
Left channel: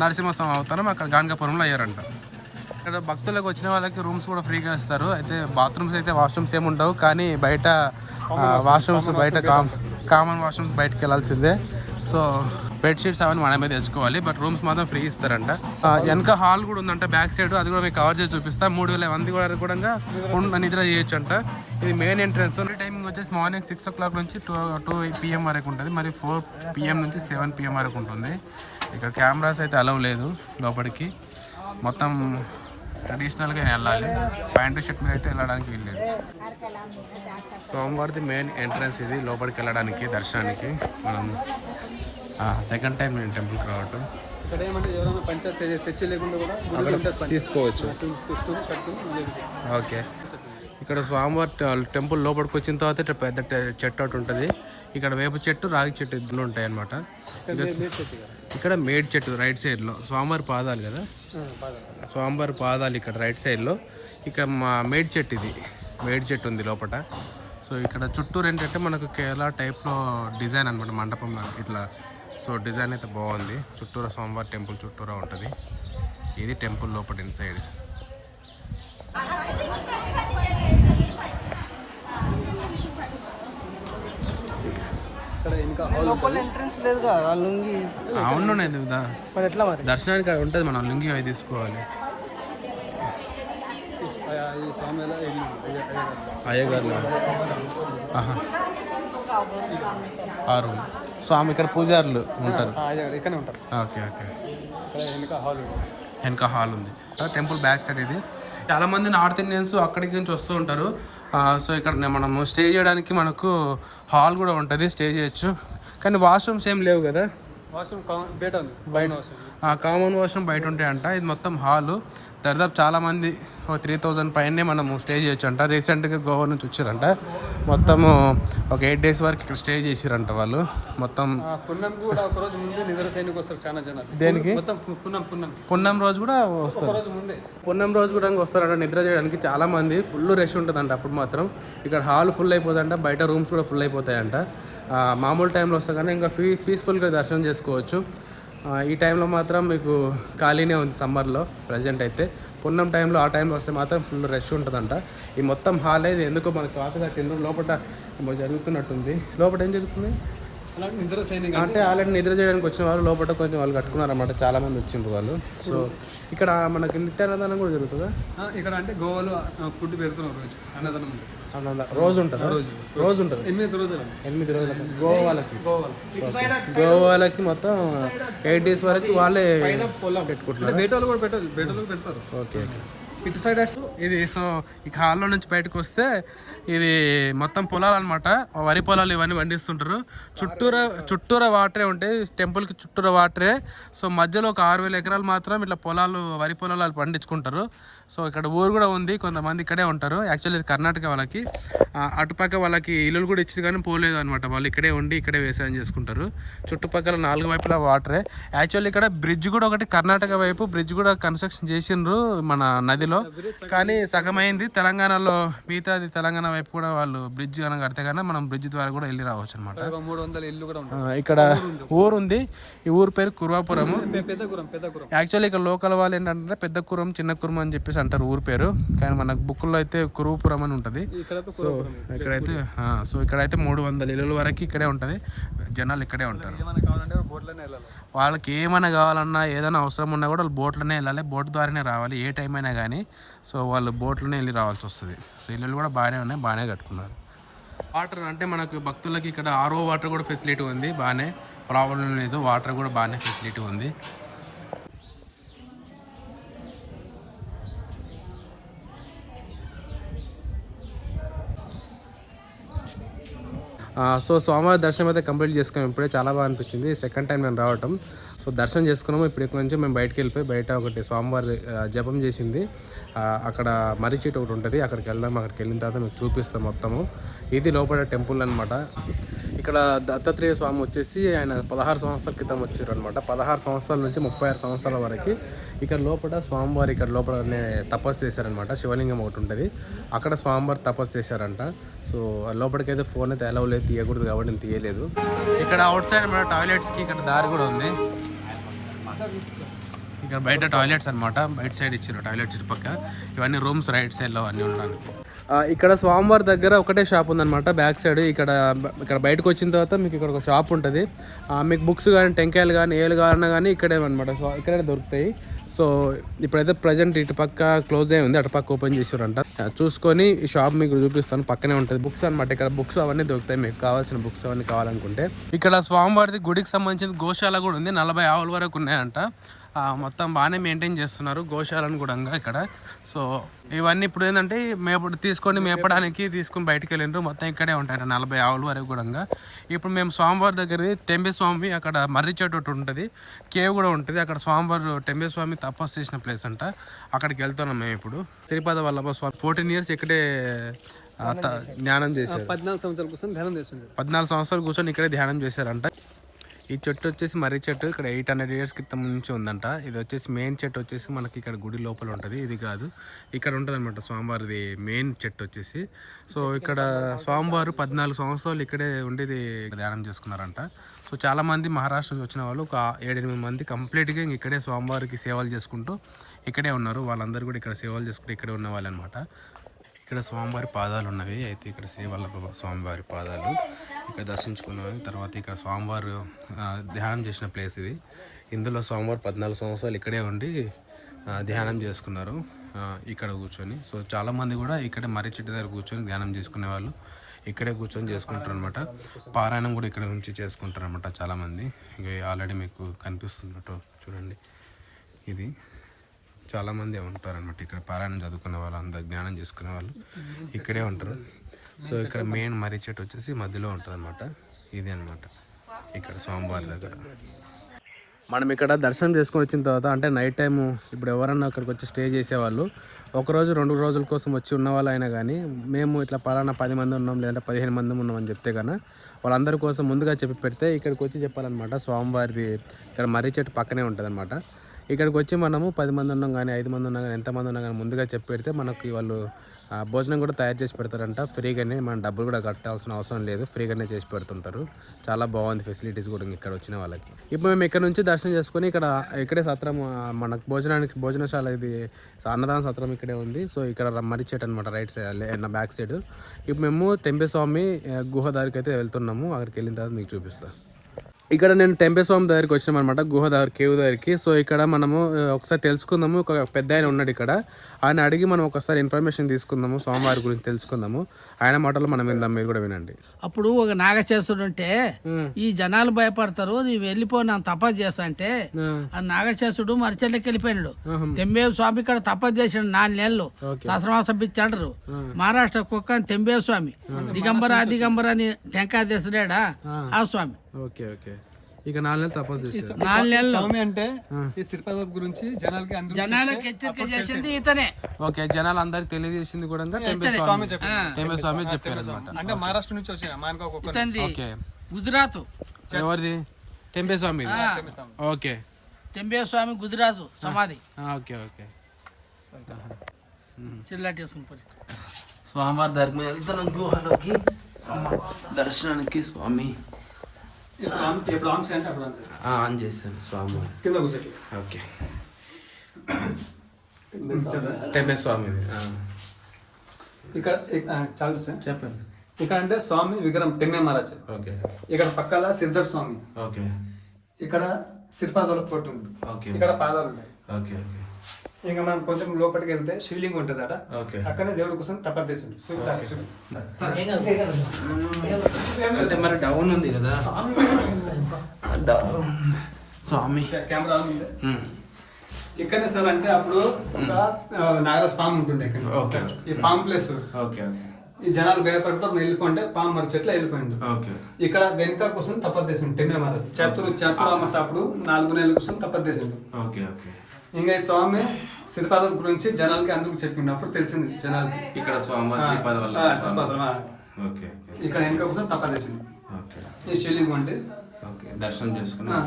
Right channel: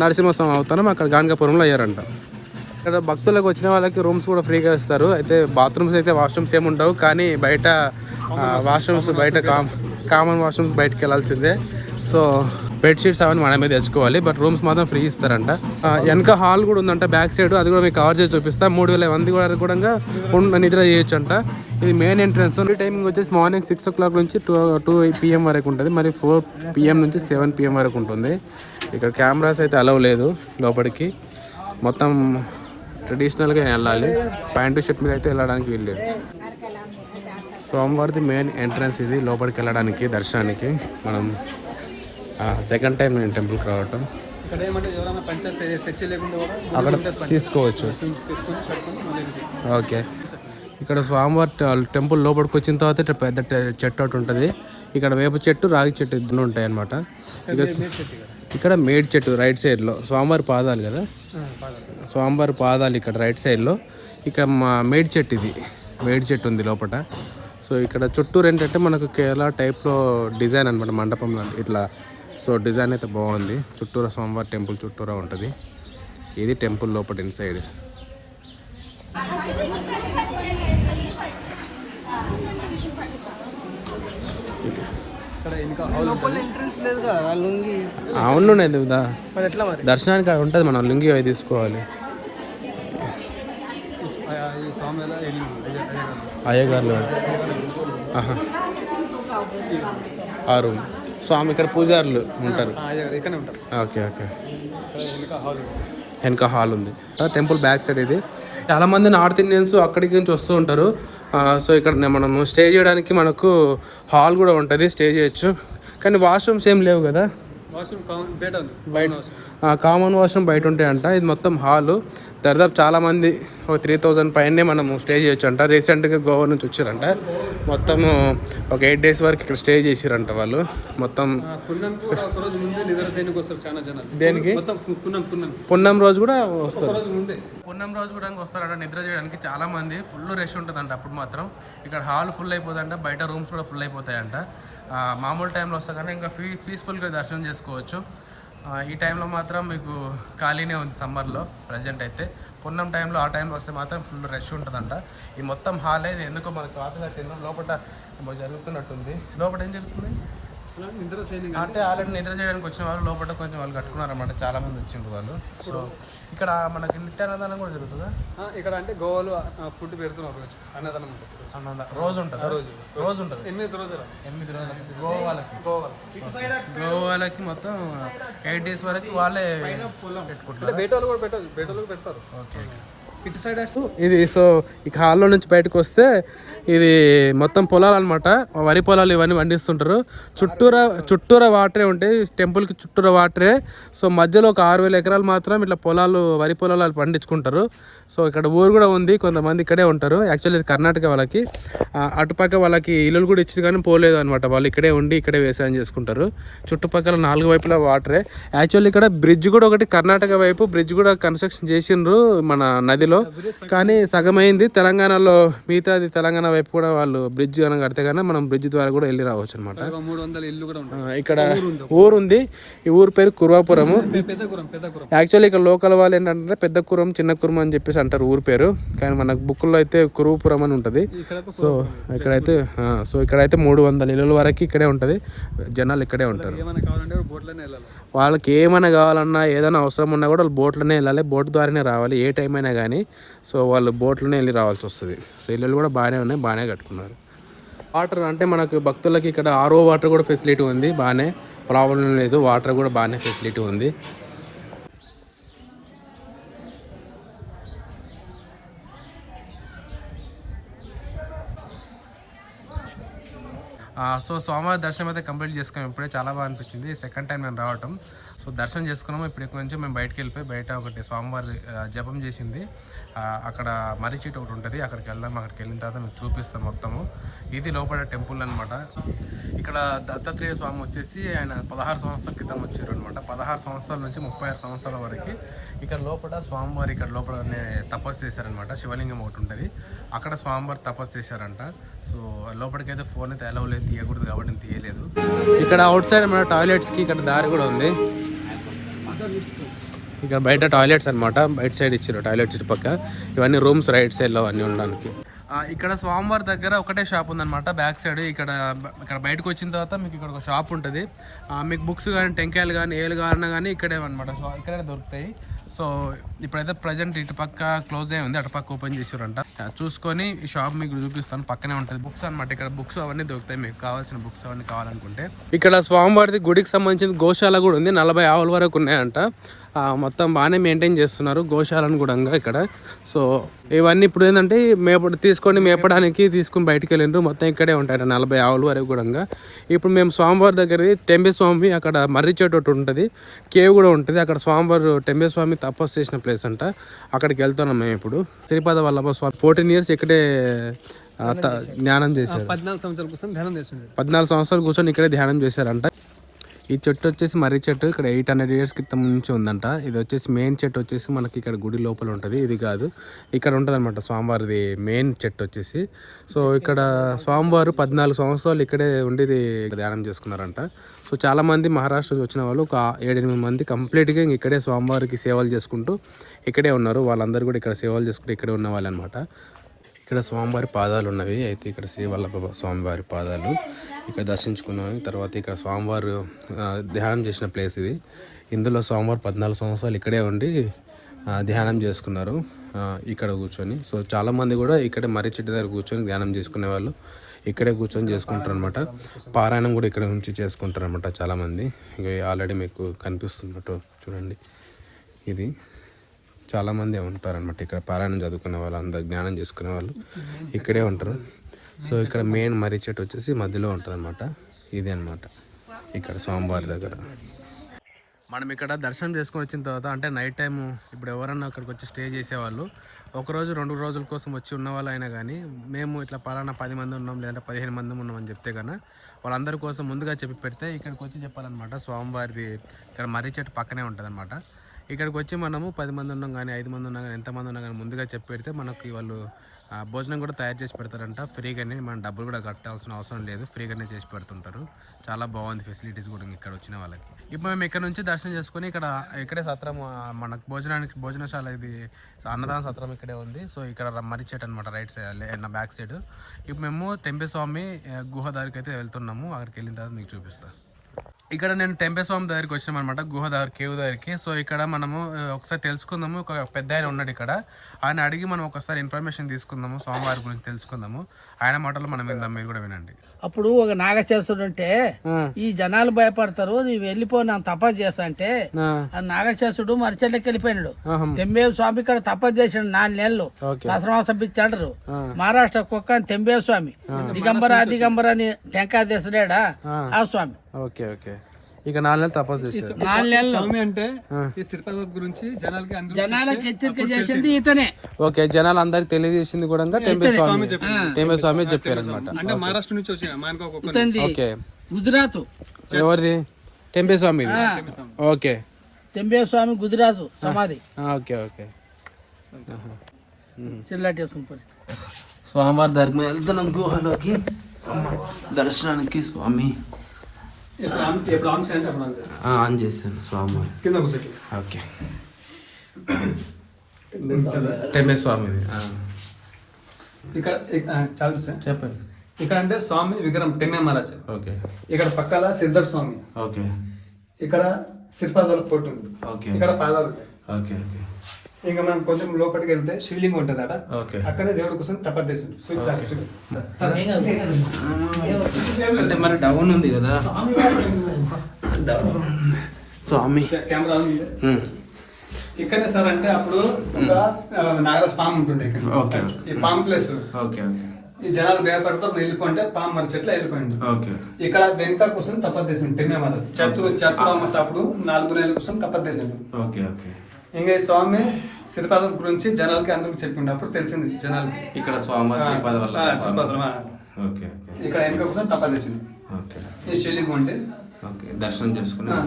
నరసింహస్వామి అవతారం అక్కడ గాన్గాపురంలో అయ్యారంట. ఇక్కడ భక్తులకు వచ్చిన వాళ్ళకి రూమ్స్ కూడా ఫ్రీగా ఇస్తారు. అయితే బాత్రూమ్స్ అయితే వాష్రూమ్స్ ఏమి ఉండవు, కానీ బయట వాష్రూమ్స్ బయట కామన్ వాష్రూమ్స్ బయటకు వెళ్ళాల్సిందే. సో బెడ్షీట్స్ అవన్నీ మనమే తెచ్చుకోవాలి, బట్ రూమ్స్ మాత్రం ఫ్రీ ఇస్తారంట. వెనక హాల్ కూడా ఉందంట బ్యాక్ సైడ్, అది కూడా మీకు కవర్ చేసి చూపిస్తా. 3000 మంది వరకు కూడా నిద్ర చేయొచ్చు అంట. ఇది మెయిన్ ఎంట్రన్స్. టైమింగ్ వచ్చేసి మార్నింగ్ 6 o'clock నుంచి 2 PM వరకు ఉంటుంది. మరి 4 PM నుంచి 7 PM వరకు ఉంటుంది. ఇక్కడ కెమెరాస్ అయితే అలవ్ లేదు లోపలికి. మొత్తం ట్రెడిషనల్గా వెళ్ళాలి. ప్యాంటు షర్ట్ మీద అయితే వెళ్ళడానికి వీల్లేదు. స్వామివారిది మెయిన్ ఎంట్రన్స్ ఇది, లోపలికి వెళ్ళడానికి దర్శనానికి. మనం సెకండ్ టైం నేను టెంపుల్కి రావటం. అక్కడ తీసుకోవచ్చు. ఓకే, ఇక్కడ స్వామివారి టెంపుల్ లోపలికి వచ్చిన తర్వాత ఇట్లా పెద్ద చెట్టు ఒకటి ఉంటుంది. ఇక్కడ వేప చెట్టు, రాగి చెట్టు ఇద్దరు ఉంటాయి అన్నమాట. ఇక్కడ మేడి చెట్టు రైట్ సైడ్లో, స్వామివారి పాదాలు కదా, స్వామివారి పాదాలు ఇక్కడ రైట్ సైడ్లో. ఇక్కడ మా మేడి చెట్టు, ఇది మేడి చెట్టు ఉంది లోపల. సో ఇక్కడ చుట్టూరు ఏంటంటే మనకు కేరళ టైప్లో డిజైన్ అనమాట, మండపం ఇట్లా. సో డిజైన్ అయితే బాగుంది. చుట్టూరా స్వామివారి టెంపుల్ చుట్టూరా ఉంటుంది. ఇది టెంపుల్ లోపల ఇన్సైడ్. అవును దర్శనానికి అది ఉంటుంది, మనం లుంగి అవి తీసుకోవాలి. అయ్యగారు ఆహా ఆ రూమ్. స్వామి ఇక్కడ పూజారులు ఉంటారు. Okay okay. వెనక హాల్ ఉంది. టెంపుల్ బ్యాక్ సైడ్ ఇది. చాలామంది నార్త్ ఇండియన్స్ అక్కడికి నుంచి వస్తూ ఉంటారు. సో ఇక్కడ మనము స్టే చేయడానికి మనకు హాల్ కూడా ఉంటుంది, స్టే చేయొచ్చు. కానీ వాష్రూమ్స్ ఏం లేవు కదా, బయట కామన్ వాష్రూమ్ బయట ఉంటాయంట. ఇది మొత్తం హాలు. దాదాపు చాలామంది 3000 పైనే మనము స్టే చేయొచ్చు అంట. రీసెంట్గా గోవా నుంచి వచ్చారంట. మొత్తము ఒక 8 days వరకు ఇక్కడ స్టే చేసిరంట వాళ్ళు. మొత్తం దేనికి పున్నం రోజు కూడా వస్తారు. పున్నం రోజు కూడా వస్తారంట నిద్ర చేయడానికి. చాలామంది ఫుల్ రష్ ఉంటుందంట అప్పుడు మాత్రం. ఇక్కడ హాల్ ఫుల్ అయిపోతుందంట, బయట రూమ్స్ కూడా ఫుల్ అయిపోతాయంట. మామూలు టైంలో వస్తే కానీ ఇంకా పీస్ఫుల్గా దర్శనం చేసుకోవచ్చు. ఈ టైంలో మాత్రం మీకు ఖాళీనే ఉంది సమ్మర్లో ప్రజెంట్ అయితే. పున్నం టైంలో ఆ టైంలో వస్తే మాత్రం ఫుల్ రష్ ఉంటుందంట. ఈ మొత్తం హాల్ అయితే ఎందుకో మనకు కాక కట్టిండ్రు. లోపల ఏమో జరుగుతున్నట్టుంది. లోపల ఏం జరుగుతుంది అంటే ఆల్రెడీ నిద్ర చేయడానికి వచ్చిన వాళ్ళు లోపల కొంచెం వాళ్ళు కట్టుకున్నారన్నమాట. చాలామంది వచ్చిండ్రు వాళ్ళు. సో ఇక్కడ మనకి నిత్యాన్నదానం కూడా జరుగుతుందా ఇక్కడ? అంటే గోవాలో ఫుడ్ పెడుతున్నాం, అన్నదానం రోజు ఉంటుందా? రోజు ఉంటుంది 8 రోజులు గోవా వాళ్ళకి మొత్తం 8 days వరకు వాళ్ళే పెట్టుకుంటున్నారు. ఓకే. ఇటు సైడ్ ఇది సో ఇక హాల్లో నుంచి బయటకు వస్తే ఇది మొత్తం పొలాలు అనమాట. వరి పొలాలు ఇవన్నీ పండిస్తుంటారు. చుట్టూరా వాటరే ఉంటాయి. టెంపుల్కి చుట్టూరా వాటరే. సో మధ్యలో ఒక 6000 ఎకరాలు మాత్రం ఇట్లా వరి పొలాలు పండించుకుంటారు. సో ఇక్కడ ఊరు కూడా ఉంది, కొంతమంది ఇక్కడే ఉంటారు. యాక్చువల్లీ ఇది కర్ణాటక వాళ్ళకి. అటుపక్క వాళ్ళకి ఇల్లులు కూడా ఇచ్చారు కానీ పోలేదు అనమాట. వాళ్ళు ఇక్కడే ఉండి ఇక్కడే వ్యవసాయం చేసుకుంటారు. చుట్టుపక్కల 4 వైపులా వాటరే. యాక్చువల్లీ ఇక్కడ బ్రిడ్జ్ కూడా ఒకటి కర్ణాటక వైపు బ్రిడ్జ్ కూడా కన్స్ట్రక్షన్ చేసిండ్రు మన నదిలో. కానీ సగమైంది. తెలంగాణలో మిగతాది తెలంగాణ వైపు కూడా వాళ్ళు బ్రిడ్జ్ కనుక కడితే కానీ మనం బ్రిడ్జ్ ద్వారా కూడా వెళ్ళి రావచ్చు అనమాట. ఇక్కడ ఊరు ఉంది. ఈ ఊరు పేరు కుర్వాపురము. యాక్చువల్లీ ఇక్కడ లోకల్ వాళ్ళు ఏంటంటే పెద్ద కురం చిన్న కురం అని చెప్పేసి అంటారు ఊరు పేరు. కానీ మన బుక్లో అయితే కురుపురం అని ఉంటుంది. సో ఇక్కడైతే 300 ఇళ్ళ వరకు ఇక్కడే ఉంటుంది. జనాలు ఇక్కడే ఉంటారు. వాళ్ళకి ఏమైనా కావాలన్నా ఏదైనా అవసరం ఉన్నా కూడా వాళ్ళు బోట్లోనే వెళ్ళాలి. బోట్ ద్వారానే రావాలి ఏ టైం అయినా కానీ. సో వాళ్ళు బోట్లోనే వెళ్ళి రావాల్సి వస్తుంది. సో ఇల్లు కూడా బాగానే ఉన్నాయి, బాగానే కట్టుకున్నారు. వాటర్ అంటే మనకు భక్తులకి ఇక్కడ RO వాటర్ కూడా ఫెసిలిటీ ఉంది. బాగానే ప్రాబ్లం లేదు. వాటర్ కూడా బాగానే ఫెసిలిటీ ఉంది. సో సోమవారం దర్శనం అయితే కంప్లీట్ చేసుకున్నాం. ఇప్పుడే చాలా బాగా అనిపించింది. సెకండ్ టైం మేము రావటం. సో దర్శనం చేసుకున్నాము. ఇప్పుడు ఇక్కడ నుంచి మేము బయటకు వెళ్ళిపోయి బయట ఒకటి సోమవారం జపం చేసింది అక్కడ మర్రి చెట్టు ఒకటి ఉంటుంది, అక్కడికి వెళ్దాం. అక్కడికి వెళ్ళిన తర్వాత మీకు చూపిస్తాం మొత్తము. ఇది లోపల టెంపుల్ అనమాట. ఇక్కడ దత్తాత్రేయ స్వామి వచ్చేసి ఆయన 16 సంవత్సరాల క్రితం వచ్చారు అనమాట. 16 సంవత్సరాల నుంచి 36 సంవత్సరాల వరకు ఇక్కడ లోపల స్వామివారు ఇక్కడ లోపలనే తపస్సు చేశారనమాట. శివలింగం ఒకటి ఉంటుంది అక్కడ స్వామివారు తపస్సు చేశారంట. సో లోపలికైతే ఫోన్ అయితే అలౌ లేదు, తీయకూడదు కాబట్టి నేను తీయలేదు. ఇక్కడ అవుట్ సైడ్ మన టాయిలెట్స్కి ఇక్కడ దారి కూడా ఉంది. ఇక్కడ బయట టాయిలెట్స్ అనమాట. బయట సైడ్ ఇచ్చారు టాయిలెట్ చుట్టుపక్క. ఇవన్నీ రూమ్స్ రైట్ సైడ్లో అన్నీ ఉండడానికి. ఇక్కడ స్వామివారి దగ్గర ఒకటే షాప్ ఉందన్నమాట బ్యాక్ సైడ్. ఇక్కడ బయటకు వచ్చిన తర్వాత మీకు ఇక్కడ ఒక షాప్ ఉంటుంది. మీకు బుక్స్ కానీ టెంకాయలు కానీ ఏలు కావాలన్నా కానీ ఇక్కడే అనమాట. సో ఇక్కడే దొరుకుతాయి. సో ఇప్పుడైతే ప్రజెంట్ ఇటుపక్క క్లోజ్ అయి ఉంది, అటుపక్క ఓపెన్ చేసారంట. చూసుకొని ఈ షాప్ మీకు చూపిస్తాను. పక్కనే ఉంటుంది బుక్స్ అనమాట. ఇక్కడ బుక్స్ అవన్నీ దొరుకుతాయి మీకు కావాల్సిన బుక్స్ అవన్నీ కావాలనుకుంటే. ఇక్కడ స్వామివారిది గుడికి సంబంధించిన గోశాల కూడా ఉంది. 40 ఆవుల వరకు ఉన్నాయంట. మొత్తం బాగానే మెయింటైన్ చేస్తున్నారు గోశాలను కూడా ఇక్కడ. సో ఇవన్నీ ఇప్పుడు ఏంటంటే మేపడానికి తీసుకొని బయటకు వెళ్ళిండ్రు. మొత్తం ఇక్కడే ఉంటాయి 40 ఆవుల వరకు కూడా. ఇప్పుడు మేము స్వామివారి దగ్గర టెంబే స్వామి అక్కడ మర్రి చెట్టు ఒకటి ఉంటుంది, కేవ్ కూడా ఉంటుంది. అక్కడ స్వామివారు టెంబే స్వామి తపస్సు చేసిన ప్లేస్ అంట. అక్కడికి వెళ్తున్నాం మేము ఇప్పుడు. శ్రీపాద వల్లభ స్వామి 14 years ఇక్కడే ధ్యానం చేశారు. 14 సంవత్సరాలు కూర్చొని ఇక్కడే ధ్యానం చేశారంట. ఈ చెట్టు వచ్చేసి మర్రి చెట్టు ఇక్కడ 800 years క్రితం నుంచి ఉందంట. ఇది వచ్చేసి మెయిన్ చెట్టు వచ్చేసి మనకి ఇక్కడ గుడి లోపల ఉంటుంది, ఇది కాదు ఇక్కడ ఉంటుంది అనమాట స్వామివారిది మెయిన్ చెట్టు వచ్చేసి. సో ఇక్కడ స్వామివారు 14 సంవత్సరాలు ఇక్కడే ఉండి ధ్యానం చేసుకున్నారంట. సో చాలామంది మహారాష్ట్ర నుంచి వచ్చిన వాళ్ళు ఒక 7-8 మంది కంప్లీట్గా ఇక్కడే స్వామివారికి సేవలు చేసుకుంటూ ఇక్కడే ఉన్నారు. వాళ్ళందరూ కూడా ఇక్కడ సేవలు చేసుకుంటూ ఇక్కడే ఉన్న వాళ్ళు అనమాట. ఇక్కడ స్వామివారి పాదాలు ఉన్నవి, అయితే ఇక్కడ శ్రీవల్లభ స్వామివారి పాదాలు ఇక్కడ దర్శించుకున్నాను. తర్వాత ఇక్కడ స్వామివారు ధ్యానం చేసిన ప్లేస్ ఇది. ఇందులో స్వామివారు 14 సంవత్సరాలు ఇక్కడే ఉండి ధ్యానం చేసుకున్నారు ఇక్కడ కూర్చొని. సో చాలామంది కూడా ఇక్కడే మర్రి చెట్టు దగ్గర కూర్చొని ధ్యానం చేసుకునే వాళ్ళు ఇక్కడే కూర్చొని చేసుకుంటారు అనమాట. పారాయణం కూడా ఇక్కడ నుంచి చేసుకుంటారు అనమాట చాలామంది. ఇక ఆల్రెడీ మీకు కనిపిస్తున్నట్టు చూడండి, ఇది చాలామంది ఉంటారనమాట ఇక్కడ పారాయణం చదువుకునే వాళ్ళు, అందరు జ్ఞానం చేసుకునే వాళ్ళు ఇక్కడే ఉంటారు. సో ఇక్కడ మెయిన్ మర్రి చెట్టు వచ్చేసి మధ్యలో ఉంటుంది అనమాట. ఇది అనమాట ఇక్కడ స్వామివారి దగ్గర. మనం ఇక్కడ దర్శనం చేసుకొని వచ్చిన తర్వాత అంటే నైట్ టైము ఇప్పుడు ఎవరన్నా అక్కడికి వచ్చి స్టే చేసేవాళ్ళు 1 రోజు 2 రోజుల కోసం వచ్చి ఉన్న వాళ్ళు అయినా కానీ మేము ఇట్లా పలానా 10 మంది ఉన్నాం లేదంటే 15 మంది ఉన్నాం అని చెప్తే కన్నా వాళ్ళందరి కోసం ముందుగా చెప్పి పెడితే ఇక్కడికి వచ్చి చెప్పాలన్నమాట. స్వామివారిది ఇక్కడ మర్రి చెట్టు పక్కనే ఉంటుంది అనమాట. ఇక్కడికి వచ్చి మనము 10 మంది ఉన్నాం కానీ 5 మంది ఉన్నాం కానీ ఎంతమంది ఉన్నా కానీ ముందుగా చెప్పి పెడితే మనకి వాళ్ళు భోజనం కూడా తయారు చేసి పెడతారంట ఫ్రీగానే. మనం డబ్బులు కూడా కట్టాల్సిన అవసరం లేదు, ఫ్రీగానే చేసి పెడుతుంటారు. చాలా బాగుంది ఫెసిలిటీస్ కూడా ఇక్కడ వచ్చిన వాళ్ళకి. ఇప్పుడు మేము ఇక్కడ నుంచి దర్శనం చేసుకొని ఇక్కడే సత్రం మనకు భోజనశాల ఇది అన్నదాన సత్రం ఇక్కడే ఉంది. సో ఇక్కడ మర్రి చెట్టు అనమాట రైట్ సైడ్ బ్యాక్ సైడ్. ఇప్పుడు మేము టెంపేస్వామి గుహ దగ్గరికి అయితే వెళ్తున్నాము. అక్కడికి వెళ్ళిన తర్వాత మీకు చూపిస్తాను. ఇక్కడ నేను టెంపేస్వామి దగ్గరికి వచ్చినాం అనమాట, గుహ దగ్గర కేవ్ దగ్గరికి. సో ఇక్కడ మనము ఒకసారి తెలుసుకుందాము. ఒక పెద్ద ఆయన ఉన్నాడు ఇక్కడ, ఆయన అడిగి మనం ఒకసారి ఇన్ఫర్మేషన్ తీసుకుందాము, స్వామివారి గురించి తెలుసుకుందాము. ఆయన మాటలు మనం విందాం, మీరు కూడా వినండి. అప్పుడు ఒక నాగశేషుడు ఉంటే ఈ జనాలు భయపడతారు, నీవు వెళ్ళిపో నా తపస్సు చేస్తా అంటే ఆ నాగశేషుడు మరిచెట్లకి వెళ్ళిపోయినాడు. తెంబేవ స్వామి ఇక్కడ తపస్సు చేసాడు 4 నెలలు, సహస్రమాసం పిచ్చాడరు. మహారాష్ట్ర కుక్క తెంబేవ స్వామి దిగంబర అని టెంకాయ తెసలేడా ఆ స్వామి. ఓకే ఓకే, ఇక 4 నెలలు తపస్సు చేశారు. 4 నెలలు స్వామి అంటే ఈ శ్రీపాద గురించి జనాలకి హెచ్చరిక చేసింది ఇతనే. ఓకే, జనాలు అందరికి తెలియజేసింది కూడా టెంపేస్వామి చెప్పారు అనమాట. అంటే మహారాష్ట్ర నుంచి వచ్చి ఇతంది ఓకే, గుజరాత్. ఎవరిది? టెంపేస్వామి. ఓకే, తెంబేవ స్వామి గుజరాత్ సమాధి. ఓకే ఓకే, చిల్లాటి వేసుకుని స్వామివారి దగ్గర వెళ్తున్నాం గుహలోకి దర్శనానికి. స్వామి ఆన్ చేశాను స్వామివారి. ఓకే, టెంపేస్వామి ఇక్కడ చెప్పండి. ఇక్కడ అంటే స్వామి విగ్రహం టెంగే మహారాజ్. ఓకే, ఇక్కడ పక్కన సిద్ధర్ స్వామి. ఓకే, ఇక్కడ శ్రీపాదాల పొట్టు ఉంది. ఓకే, ఇక్కడ పాదాలు. ఓకే ఓకే, ఇంకా మనం కొంచెం లోపలికి వెళ్తే శివలింగం ఉంటుందట. ఓకే, అక్కడే దేవుడి కోసం తపస్సు మరి డౌన్ ఉంది కదా స్వామి. కెమెరా ఉంది ఇక్కడనే సార్. అంటే అప్పుడు ఒక నాగరాజ పాము ఉంటుండే ఇక్కడ. ఓకే, ఈ పాము ప్లేస్. ఓకే ఓకే, ఈ జనాలు భయపడతారు వెళ్ళిపోంటే పాము మరి చెట్ల వెళ్ళిపోయింది. ఓకే, ఇక్కడ వెనక కోసం తపస్సు టెంగే మహారాజ్ చతురామస్ అప్పుడు 4 నెలల కోసం తపస్సు. ఓకే ఓకే, ఇంకా ఈ స్వామి శ్రీపాదం గురించి జనాలకి అందుకు చెప్పిండు. అప్పుడు తెలిసింది జనాలకి ఇక్కడ స్వామివారి శ్రీపాద వల్ల. ఓకే ఓకే, ఇక్కడ వెనక కోసం తపస్సు. ఓకే, ఈ శివలింగం ఉంటే ఓకే, దర్శనం చేసుకున్నా.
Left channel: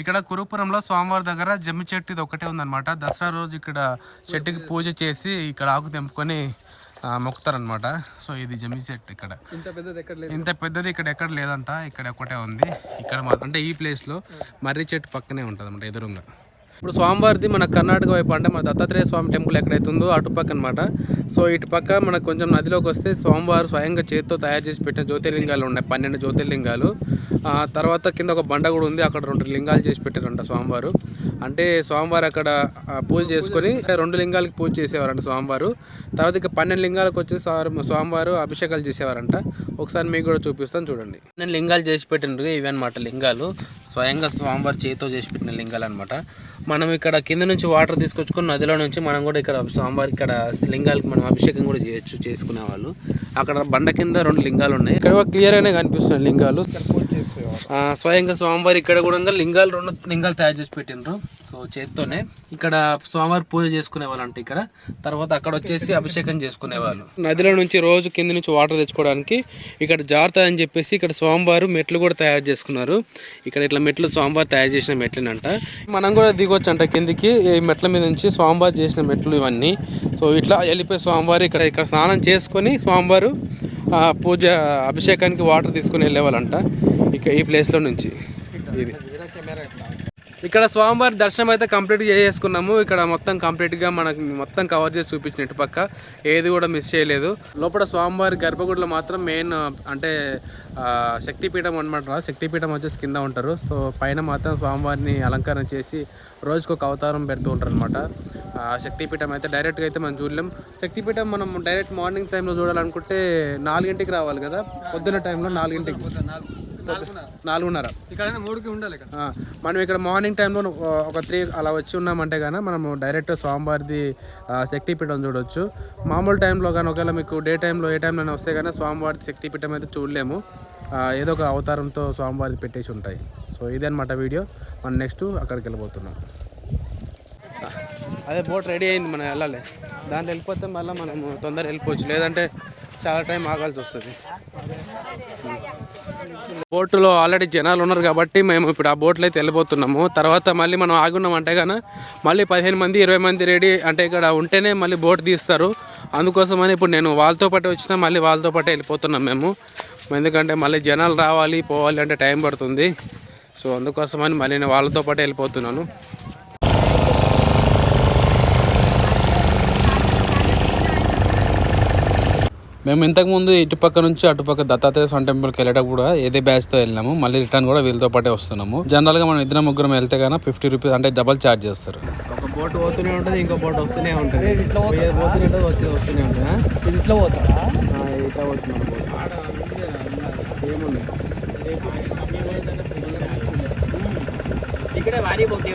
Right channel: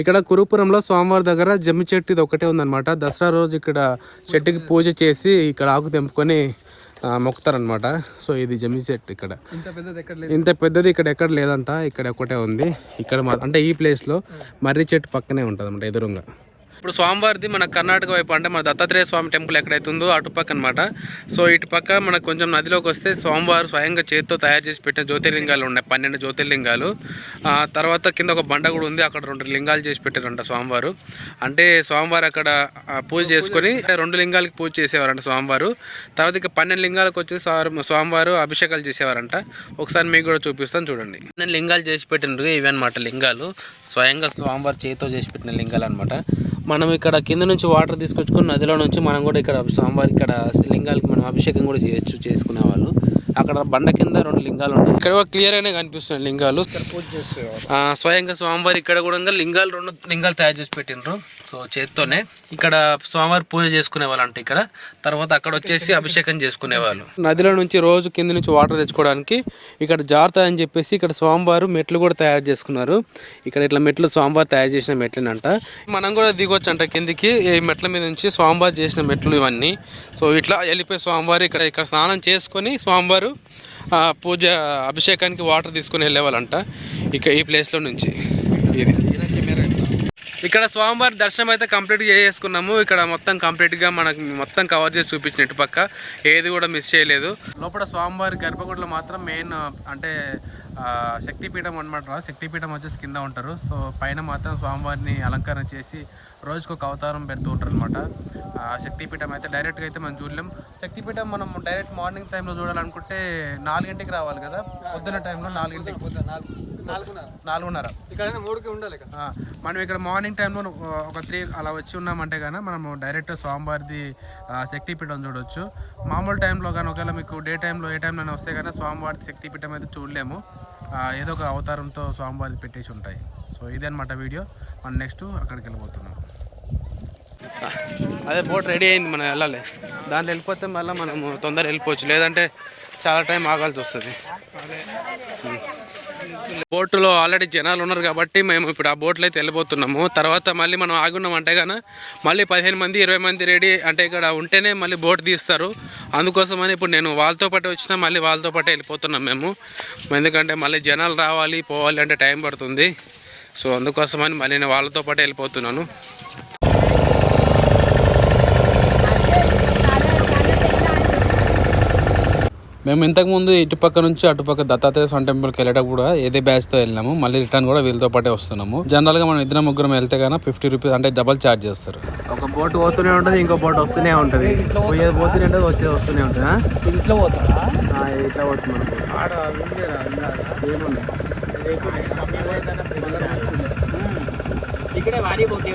ఇక్కడ కురుపురంలో స్వామివారి దగ్గర జమ్మి చెట్టు ఇది ఒకటే ఉందన్నమాట. దసరా రోజు ఇక్కడ చెట్టుకి పూజ చేసి ఇక్కడ ఆకు తెంపుకొని మొక్కుతారనమాట. సో ఇది జమ్మి చెట్టు. ఇక్కడ ఇంత పెద్దది ఇక్కడ ఎక్కడ లేదంట, ఇక్కడ ఒకటే ఉంది. ఇక్కడ అంటే ఈ ప్లేస్లో మర్రి చెట్టు పక్కనే ఉంటుంది అనమాట ఎదురుగా. ఇప్పుడు స్వామివారిది మన కర్ణాటక వైపు అంటే మన దత్తాత్రేయ స్వామి టెంపుల్ ఎక్కడైతే ఉందో అటుపక్క అనమాట. సో ఇటు పక్క మనకు కొంచెం నదిలోకి వస్తే స్వామివారు స్వయంగా చేతితో తయారు చేసి పెట్టిన జ్యోతిర్లింగాలు ఉన్నాయి, 12 జ్యోతిర్లింగాలు. తర్వాత కింద ఒక బండ కూడా ఉంది, అక్కడ 2 లింగాలు చేసి పెట్టారంట స్వామివారు. అంటే స్వామివారు అక్కడ పూజ చేసుకొని 2 లింగాలకి పూజ చేసేవారంట స్వామివారు. తర్వాత ఇక 12 లింగాలకు వచ్చి స్వామివారు అభిషేకాలు చేసేవారంట. ఒకసారి మీకు కూడా చూపిస్తాను చూడండి. 12 లింగాలు చేసి పెట్టినరు ఇవి అనమాట లింగాలు, స్వయంగా స్వామివారు చేతితో చేసి పెట్టిన లింగాలు అనమాట. మనం ఇక్కడ కింద నుంచి వాటర్ తీసుకొచ్చుకొని నదిలో నుంచి మనం కూడా ఇక్కడ స్వామివారి ఇక్కడ లింగాలకి మనం అభిషేకం కూడా చేయొచ్చు చేసుకునే వాళ్ళు. అక్కడ బండ కింద 2 లింగాలు ఉన్నాయి. ఇక్కడ క్లియర్గానే కనిపిస్తున్నాయి లింగాలు. స్వయంగా స్వామివారి ఇక్కడ కూడా లింగాలు 2 లింగాలు తయారు చేసి పెట్టినరు. సో చేత్తోనే ఇక్కడ స్వామివారి పూజ చేసుకునే వాళ్ళు అంటే ఇక్కడ. తర్వాత అక్కడ వచ్చేసి అభిషేకం చేసుకునే వాళ్ళు. నదిలో నుంచి రోజు కింద నుంచి వాటర్ తెచ్చుకోవడానికి ఇక్కడ జాగ్రత్త అని చెప్పేసి ఇక్కడ స్వామివారు మెట్లు కూడా తయారు చేసుకున్నారు. ఇక్కడ ఇట్లా మెట్లు స్వామివారు తయారు చేసిన మెట్లునంట. మనం కూడా దిగొచ్చు అంట కిందికి. ఈ మెట్ల మీద నుంచి స్వామివారు చేసిన మెట్లు ఇవన్నీ. సో ఇట్లా వెళ్ళిపోయి స్వామివారు ఇక్కడ స్నానం చేసుకొని స్వామివారు పూజ అభిషేకానికి వాటర్ తీసుకుని వెళ్ళేవాళ్ళంట ఈ ప్లేస్లో నుంచి. ఇది ఇక్కడ స్వామివారి దర్శనం అయితే కంప్లీట్గా చేసుకున్నాము. ఇక్కడ మొత్తం కంప్లీట్గా మనకు మొత్తం కవర్ చేసి చూపించిన ఇటుపక్క ఏది కూడా మిస్ చేయలేదు. లోపల స్వామివారి గర్భగుడిలో మాత్రం మెయిన్ అంటే శక్తిపీఠం అనమాట. శక్తిపీఠం వచ్చేసి కింద ఉంటారు. సో పైన మాత్రం స్వామివారిని అలంకరణ చేసి రోజుకొక అవతారం పెడుతూ ఉంటారు అనమాట. శక్తిపీఠం అయితే డైరెక్ట్గా అయితే మనం చూడలేం. శక్తిపీఠం మనం డైరెక్ట్ మార్నింగ్ టైంలో చూడాలనుకుంటే 4 రావాలి కదా. పొద్దున్న టైంలో 4 4:30 ఇక్కడ 3కి ఉండాలి. మనం ఇక్కడ మార్నింగ్ టైంలో ఒక 3 అలా వచ్చి ఉన్నామంటే కానీ మనము డైరెక్ట్ స్వామివారిది శక్తిపీఠం చూడవచ్చు. మామూలు టైంలో కానీ ఒకవేళ మీకు డే టైంలో ఏ టైంలో వస్తే కానీ స్వామివారి శక్తిపీఠం అయితే చూడలేము. ఏదో ఒక అవతారంతో స్వామివారిది పెట్టేసి ఉంటాయి. సో ఇదే అనమాట వీడియో. మనం నెక్స్ట్ అక్కడికి వెళ్ళిపోతున్నాం. అదే బోట్ రెడీ అయింది, మనం వెళ్ళాలి. దాంట్లో వెళ్ళిపోతే మళ్ళీ మనము తొందరగా వెళ్ళిపోవచ్చు, లేదంటే చాలా టైం ఆగాల్సి వస్తుంది. బోటులో ఆల్రెడీ జనాలు ఉన్నారు కాబట్టి మేము ఇప్పుడు ఆ బోట్లో అయితే వెళ్ళిపోతున్నాము. తర్వాత మళ్ళీ మనం ఆగున్నామంటే కానీ మళ్ళీ 15 మంది 20 మంది రెడీ అంటే ఇక్కడ ఉంటేనే మళ్ళీ బోట్ తీస్తారు. అందుకోసమని ఇప్పుడు నేను వాళ్ళతో పాటు వచ్చినా మళ్ళీ వాళ్ళతో పాటే వెళ్ళిపోతున్నాం మేము. ఎందుకంటే మళ్ళీ జనాలు రావాలి పోవాలి అంటే టైం పడుతుంది. సో అందుకోసమని మళ్ళీ నేను వాళ్ళతో పాటే వెళ్ళిపోతున్నాను. మేము ఇంతకుముందు ఇటుపక్క నుంచి అటుపక్క దత్తాత్రేయ స్వామి టెంపుల్కి వెళ్ళేటప్పుడు కూడా ఏదే బ్యాచ్తో వెళ్ళినాము. మళ్ళీ రిటర్న్ కూడా వీళ్ళతో పాటే వస్తున్నాము. జనరల్గా మనం 2-3 వెళ్తే కానీ 50 రూపీస్ అంటే డబల్ ఛార్జ్ చేస్తారు. ఒక బోట్ పోతూనే ఉంటుంది, ఇంకో బోట్ వస్తూనే ఉంటుంది. వస్తూనే ఉంటుంది. ఇట్లా పోతుందా? ఇట్లా పోతుంది. ఇక్కడ వాడి పోతే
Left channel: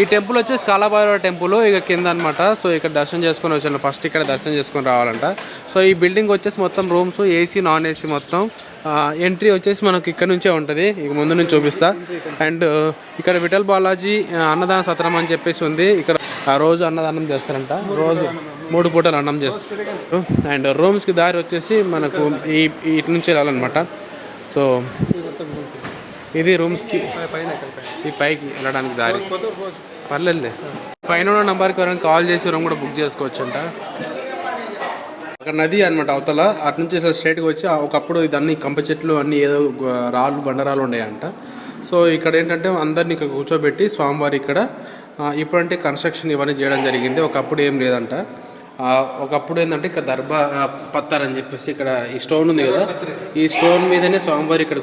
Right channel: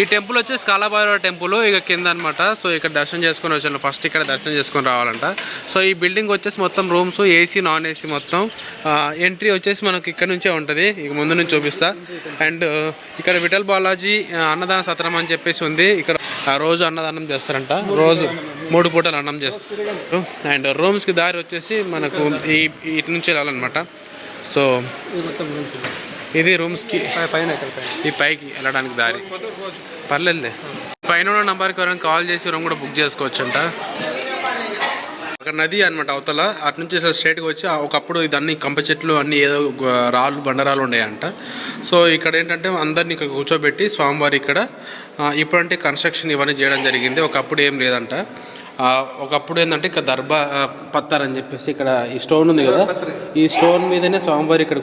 ఈ టెంపుల్ వచ్చేసి కాలభైరవ టెంపుల్ ఇక కింద అనమాట. సో ఇక్కడ దర్శనం చేసుకొని వచ్చాను. ఫస్ట్ ఇక్కడ దర్శనం చేసుకొని రావాలంట. సో ఈ బిల్డింగ్ వచ్చేసి మొత్తం రూమ్స్ ఏసీ నాన్ ఏసీ మొత్తం. ఎంట్రీ వచ్చేసి మనకి ఇక్కడ నుంచే ఉంటుంది. ఇక ముందు నుంచి చూపిస్తా. అండ్ ఇక్కడ విఠల్ బాలాజీ అన్నదాన సత్రం అని చెప్పేసి ఉంది. ఇక్కడ రోజు అన్నదానం చేస్తారంట. రోజు 3 పూటలు అన్నం చేస్తారు. అండ్ రూమ్స్కి దారి వచ్చేసి మనకు ఇటు నుంచి వెళ్ళాలన్నమాట. సో ఇది రూమ్స్కి ఈ పైకి వెళ్ళడానికి దారి. పర్లేదులే, పైన ఉన్న నెంబర్కి ఎవరైనా కాల్ చేసి రూమ్ కూడా బుక్ చేసుకోవచ్చు అంట. అక్కడ నది అనమాట అవతల. అటు నుంచి స్ట్రైట్గా వచ్చి ఒకప్పుడు ఇదన్నీ కంప చెట్లు అన్నీ ఏదో రాళ్ళు బండరాలు ఉన్నాయంట. సో ఇక్కడ ఏంటంటే అందరినీ ఇక్కడ కూర్చోబెట్టి స్వామివారి ఇక్కడ ఇప్పుడంటే కన్స్ట్రక్షన్ ఇవన్నీ చేయడం జరిగింది. ఒకప్పుడు ఏం లేదంట. ఒకప్పుడు ఏంటంటే ఇక్కడ దర్బా పత్తార్ అని చెప్పేసి ఇక్కడ ఈ స్టోన్ ఉంది కదా, ఈ స్టోన్ మీదనే స్వామివారి ఇక్కడ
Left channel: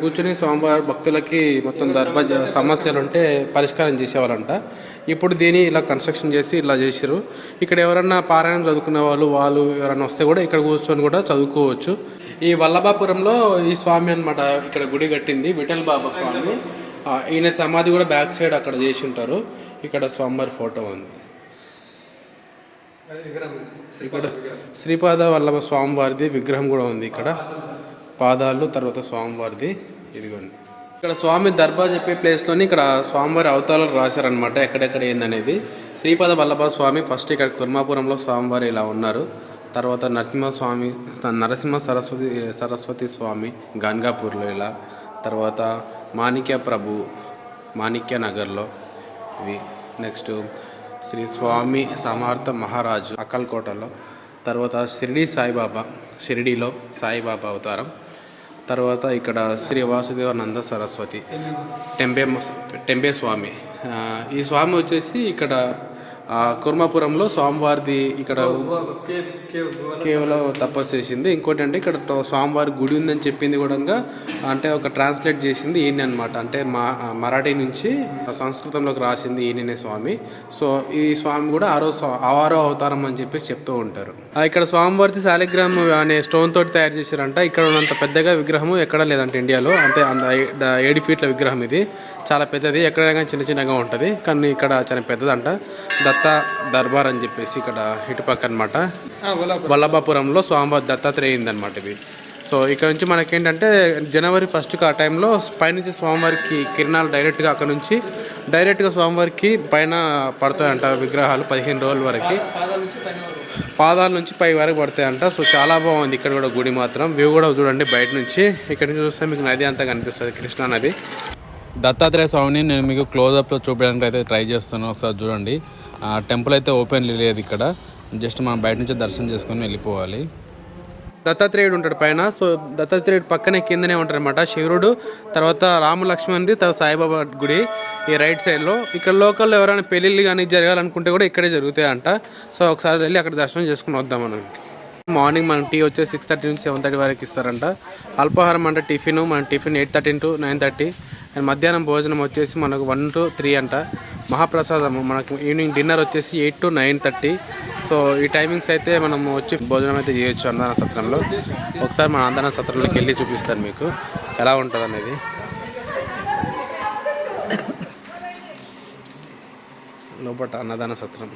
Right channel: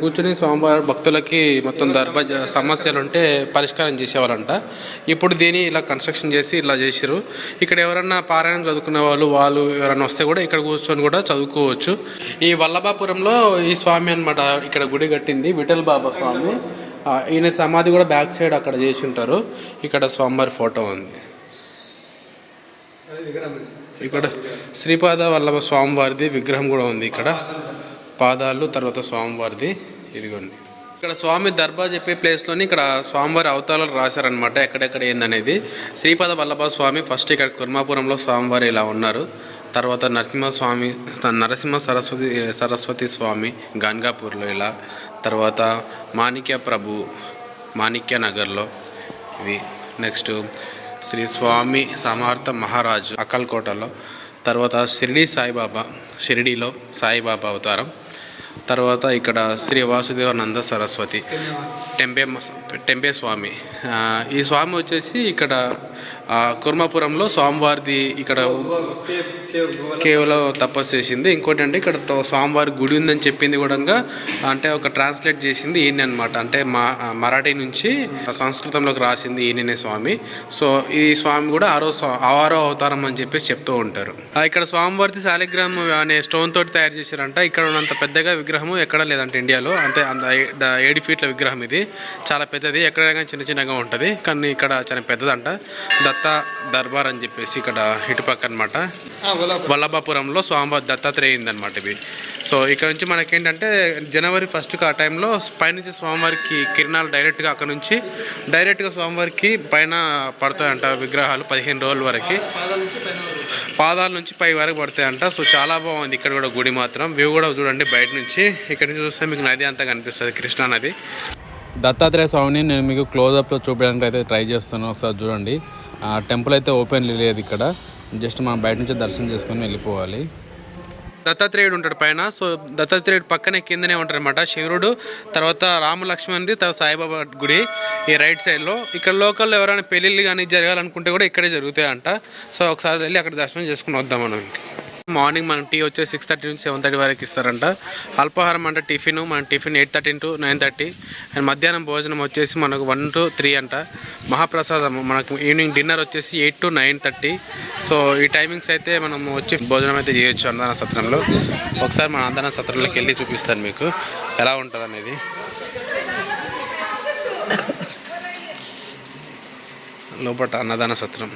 కూర్చొని స్వామివారి భక్తులకి మొత్తం దర్బా సమస్యలు ఉంటే పరిష్కారం చేసేవాళ్ళంట. ఇప్పుడు దీన్ని ఇలా కన్స్ట్రక్షన్ చేసి ఇలా చేసారు. ఇక్కడ ఎవరన్నా పారాయణం చదువుకునే వాళ్ళు ఎవరైనా వస్తే కూడా ఇక్కడ కూర్చొని కూడా చదువుకోవచ్చు. ఈ వల్లభాపురంలో ఈ స్వామి అనమాట ఇక్కడ గుడి కట్టింది విఠల్ బాబా స్వామి. ఈయన సమాధి కూడా బ్యాక్ సైడ్ అక్కడ చేసి ఉంటారు. ఇక్కడ స్వామివారి ఫోటో ఉంది. ఇక్కడ శ్రీపాద వల్లభ స్వామివారిది విగ్రహం కూడా ఉంది. ఇక్కడ పాదాలు తర్వాత స్వామివారిది ఇదిగోండి. ఇక్కడ స్వామి దర్బా చెప్పే ప్లేస్లోని ఇక్కడ స్వామివారి అవతారాలు రాశారనమాట ఎక్కడెక్కడ ఏందనేది. శ్రీపాద వల్లభ స్వామి ఫస్ట్ ఇక్కడ కుర్మాపురంలో స్వామివారి ఇలా ఉన్నారు. తర్వాత నరసింహ సరస్వతి స్వామి గన్గాపూర్లో ఇలా. తర్వాత మాణిక్య నగర్లో ఇది. నెక్స్ట్ శ్రీ స్వామి సమర్థ మహారాజు అక్కల్కోటలో. తర్వాత షిరిడీలో సాయిబాబా అవతారం. తర్వాత ఇక్కడ శ్రీ వాసుదేవానంద సరస్వతి టెంపే స్వామి ఈ స్వామి వచ్చేసి ఇక్కడ కుర్మాపురంలో స్వామివారిది ఇక్కడ కేవలం తపస్సు చేసింది. ఇంకోటి అంటే ఇక్కడ స్వామివారి గుడి ఉందని చెప్పింది కూడా అంటే ఒక ట్రాన్స్లేట్ చేసింది ఈయన అనమాట. అంటే మరాఠీ నుంచి సంస్కృతంలోకి రాసింది ఈయననే స్వామి. సో ఈ స్వామి కూడా ఆరో అవతారం అని చెప్పేసి చెప్తూ ఉంటారు. ఇక్కడ స్వామివారిది శాలిగ్రామ్ అనే స్టోన్ తోటి తయారు చేశారంట. ఇక్కడ ఉన్నంత పెద్దగా విగ్రహము ఎక్కడ లేదంట ఇండియాలో. అంటే 7 ఫీట్ల విగ్రహం ఇది, చాలా పెద్దది. ఎక్కడైనా చిన్నగా ఉంటుంది కానీ ఇక్కడ చాలా పెద్దదంట. దత్తా దర్బార్ అని చెప్పేసి ఇక్కడ ఇటుపక్క అనమాట వల్లభాపురంలో స్వామివారి దత్తాత్రేయింది అనమాట ఇది. సో ఇక్కడ నుంచి మనకేంటంటే జనవరి 1st ఆ టైంలో పైనుంచి స్వామివారికి కిరణాలు డైరెక్ట్గా అక్కడ నుంచి డైరెక్ట్గా స్వామివారికి పైన పడతాయంట విగ్రహాలు 15 రోజుల వరకు, పాదాల నుంచి పై వరకు పడతాయంట. సో చాలా బాగుంది ఇక్కడ కూడా గుడి మాత్రం. వ్యూ కూడా చూడండి బయట నుంచి. ఇక్కడ నుంచి చూస్తే మీకు నది అంతా కనిపిస్తుంది, కృష్ణా నది. దత్తాత్రేయ స్వామిని నేను మీకు క్లోజప్లో చూపించడానికి అయితే ట్రై చేస్తాను. ఒకసారి చూడండి. టెంపుల్ అయితే ఓపెన్ లేదు ఇక్కడ, జస్ట్ మనం బయట నుంచి దర్శనం చేసుకొని వెళ్ళిపోవాలి. దత్తాత్రేయుడు ఉంటాడు పైన. సో దత్తాత్రేయుడు పక్కనే కిందనే ఉంటారు అనమాట శివుడు, తర్వాత రామ లక్ష్మణ్ది, తర్వాత సాయిబాబా గుడి ఈ రైట్ సైడ్లో. ఇక్కడ లోకల్లో ఎవరైనా పెళ్ళిళ్ళు కానీ జరగాలనుకుంటే కూడా ఇక్కడే జరుగుతాయంట. సో ఒకసారి వెళ్ళి అక్కడ దర్శనం చేసుకుని వద్దాం మనం. మార్నింగ్ మనం టీ వచ్చేసి 6:30 నుంచి 7:30 వరకు ఇస్తారంట. అల్పాహారం అంటే టిఫిన్, మన టిఫిన్ 8:30 to 9:30. అండ్ మధ్యాహ్నం భోజనం వచ్చేసి మనకు 1 to 3 అంట. మహాప్రసాదం మనకు ఈవినింగ్ డిన్నర్ వచ్చేసి 8 to 9:30. సో ఈ టైమింగ్స్ అయితే మనం వచ్చి భోజనం అయితే చేయొచ్చు అన్నదాన సత్రంలో. ఒకసారి మన అన్నదాన సత్రంలోకి వెళ్ళి చూపిస్తాను మీకు ఎలా ఉంటుంది అనేది. లోపల అన్నదాన సత్రం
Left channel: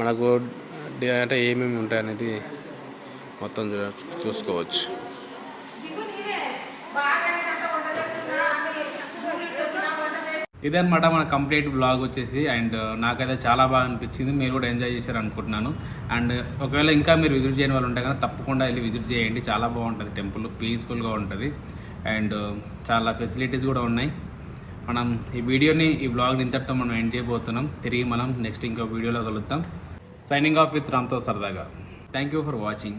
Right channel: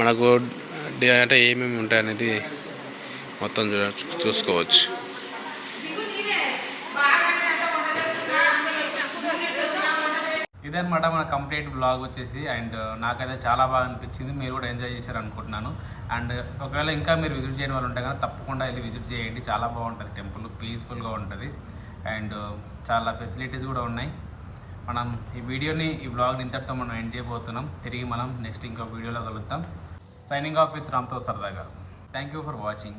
మనకు అంటే ఏమేమి ఉంటాయి అనేది మొత్తం చూసుకోవచ్చు. ఇదన్నమాట మన కంప్లీట్ వ్లాగ్ వచ్చేసి. అండ్ నాకైతే చాలా బాగా అనిపించింది, మీరు కూడా ఎంజాయ్ చేశారు అనుకుంటున్నాను. అండ్ ఒకవేళ ఇంకా మీరు విజిట్ చేయని వాళ్ళు ఉంటే కానీ తప్పకుండా వెళ్ళి విజిట్ చేయండి. చాలా బాగుంటుంది టెంపుల్, పీస్ఫుల్గా ఉంటుంది. అండ్ చాలా ఫెసిలిటీస్ కూడా ఉన్నాయి. మనం ఈ వ్లాగ్ని ఇంతటితో మనం ఎండ్ చేయబోతున్నాం. తిరిగి మనం నెక్స్ట్ ఇంకో వీడియోలో కలుద్దాం. సైనింగ్ ఆఫ్ విత్ రామ్తో సరదాగా. Thank you for watching.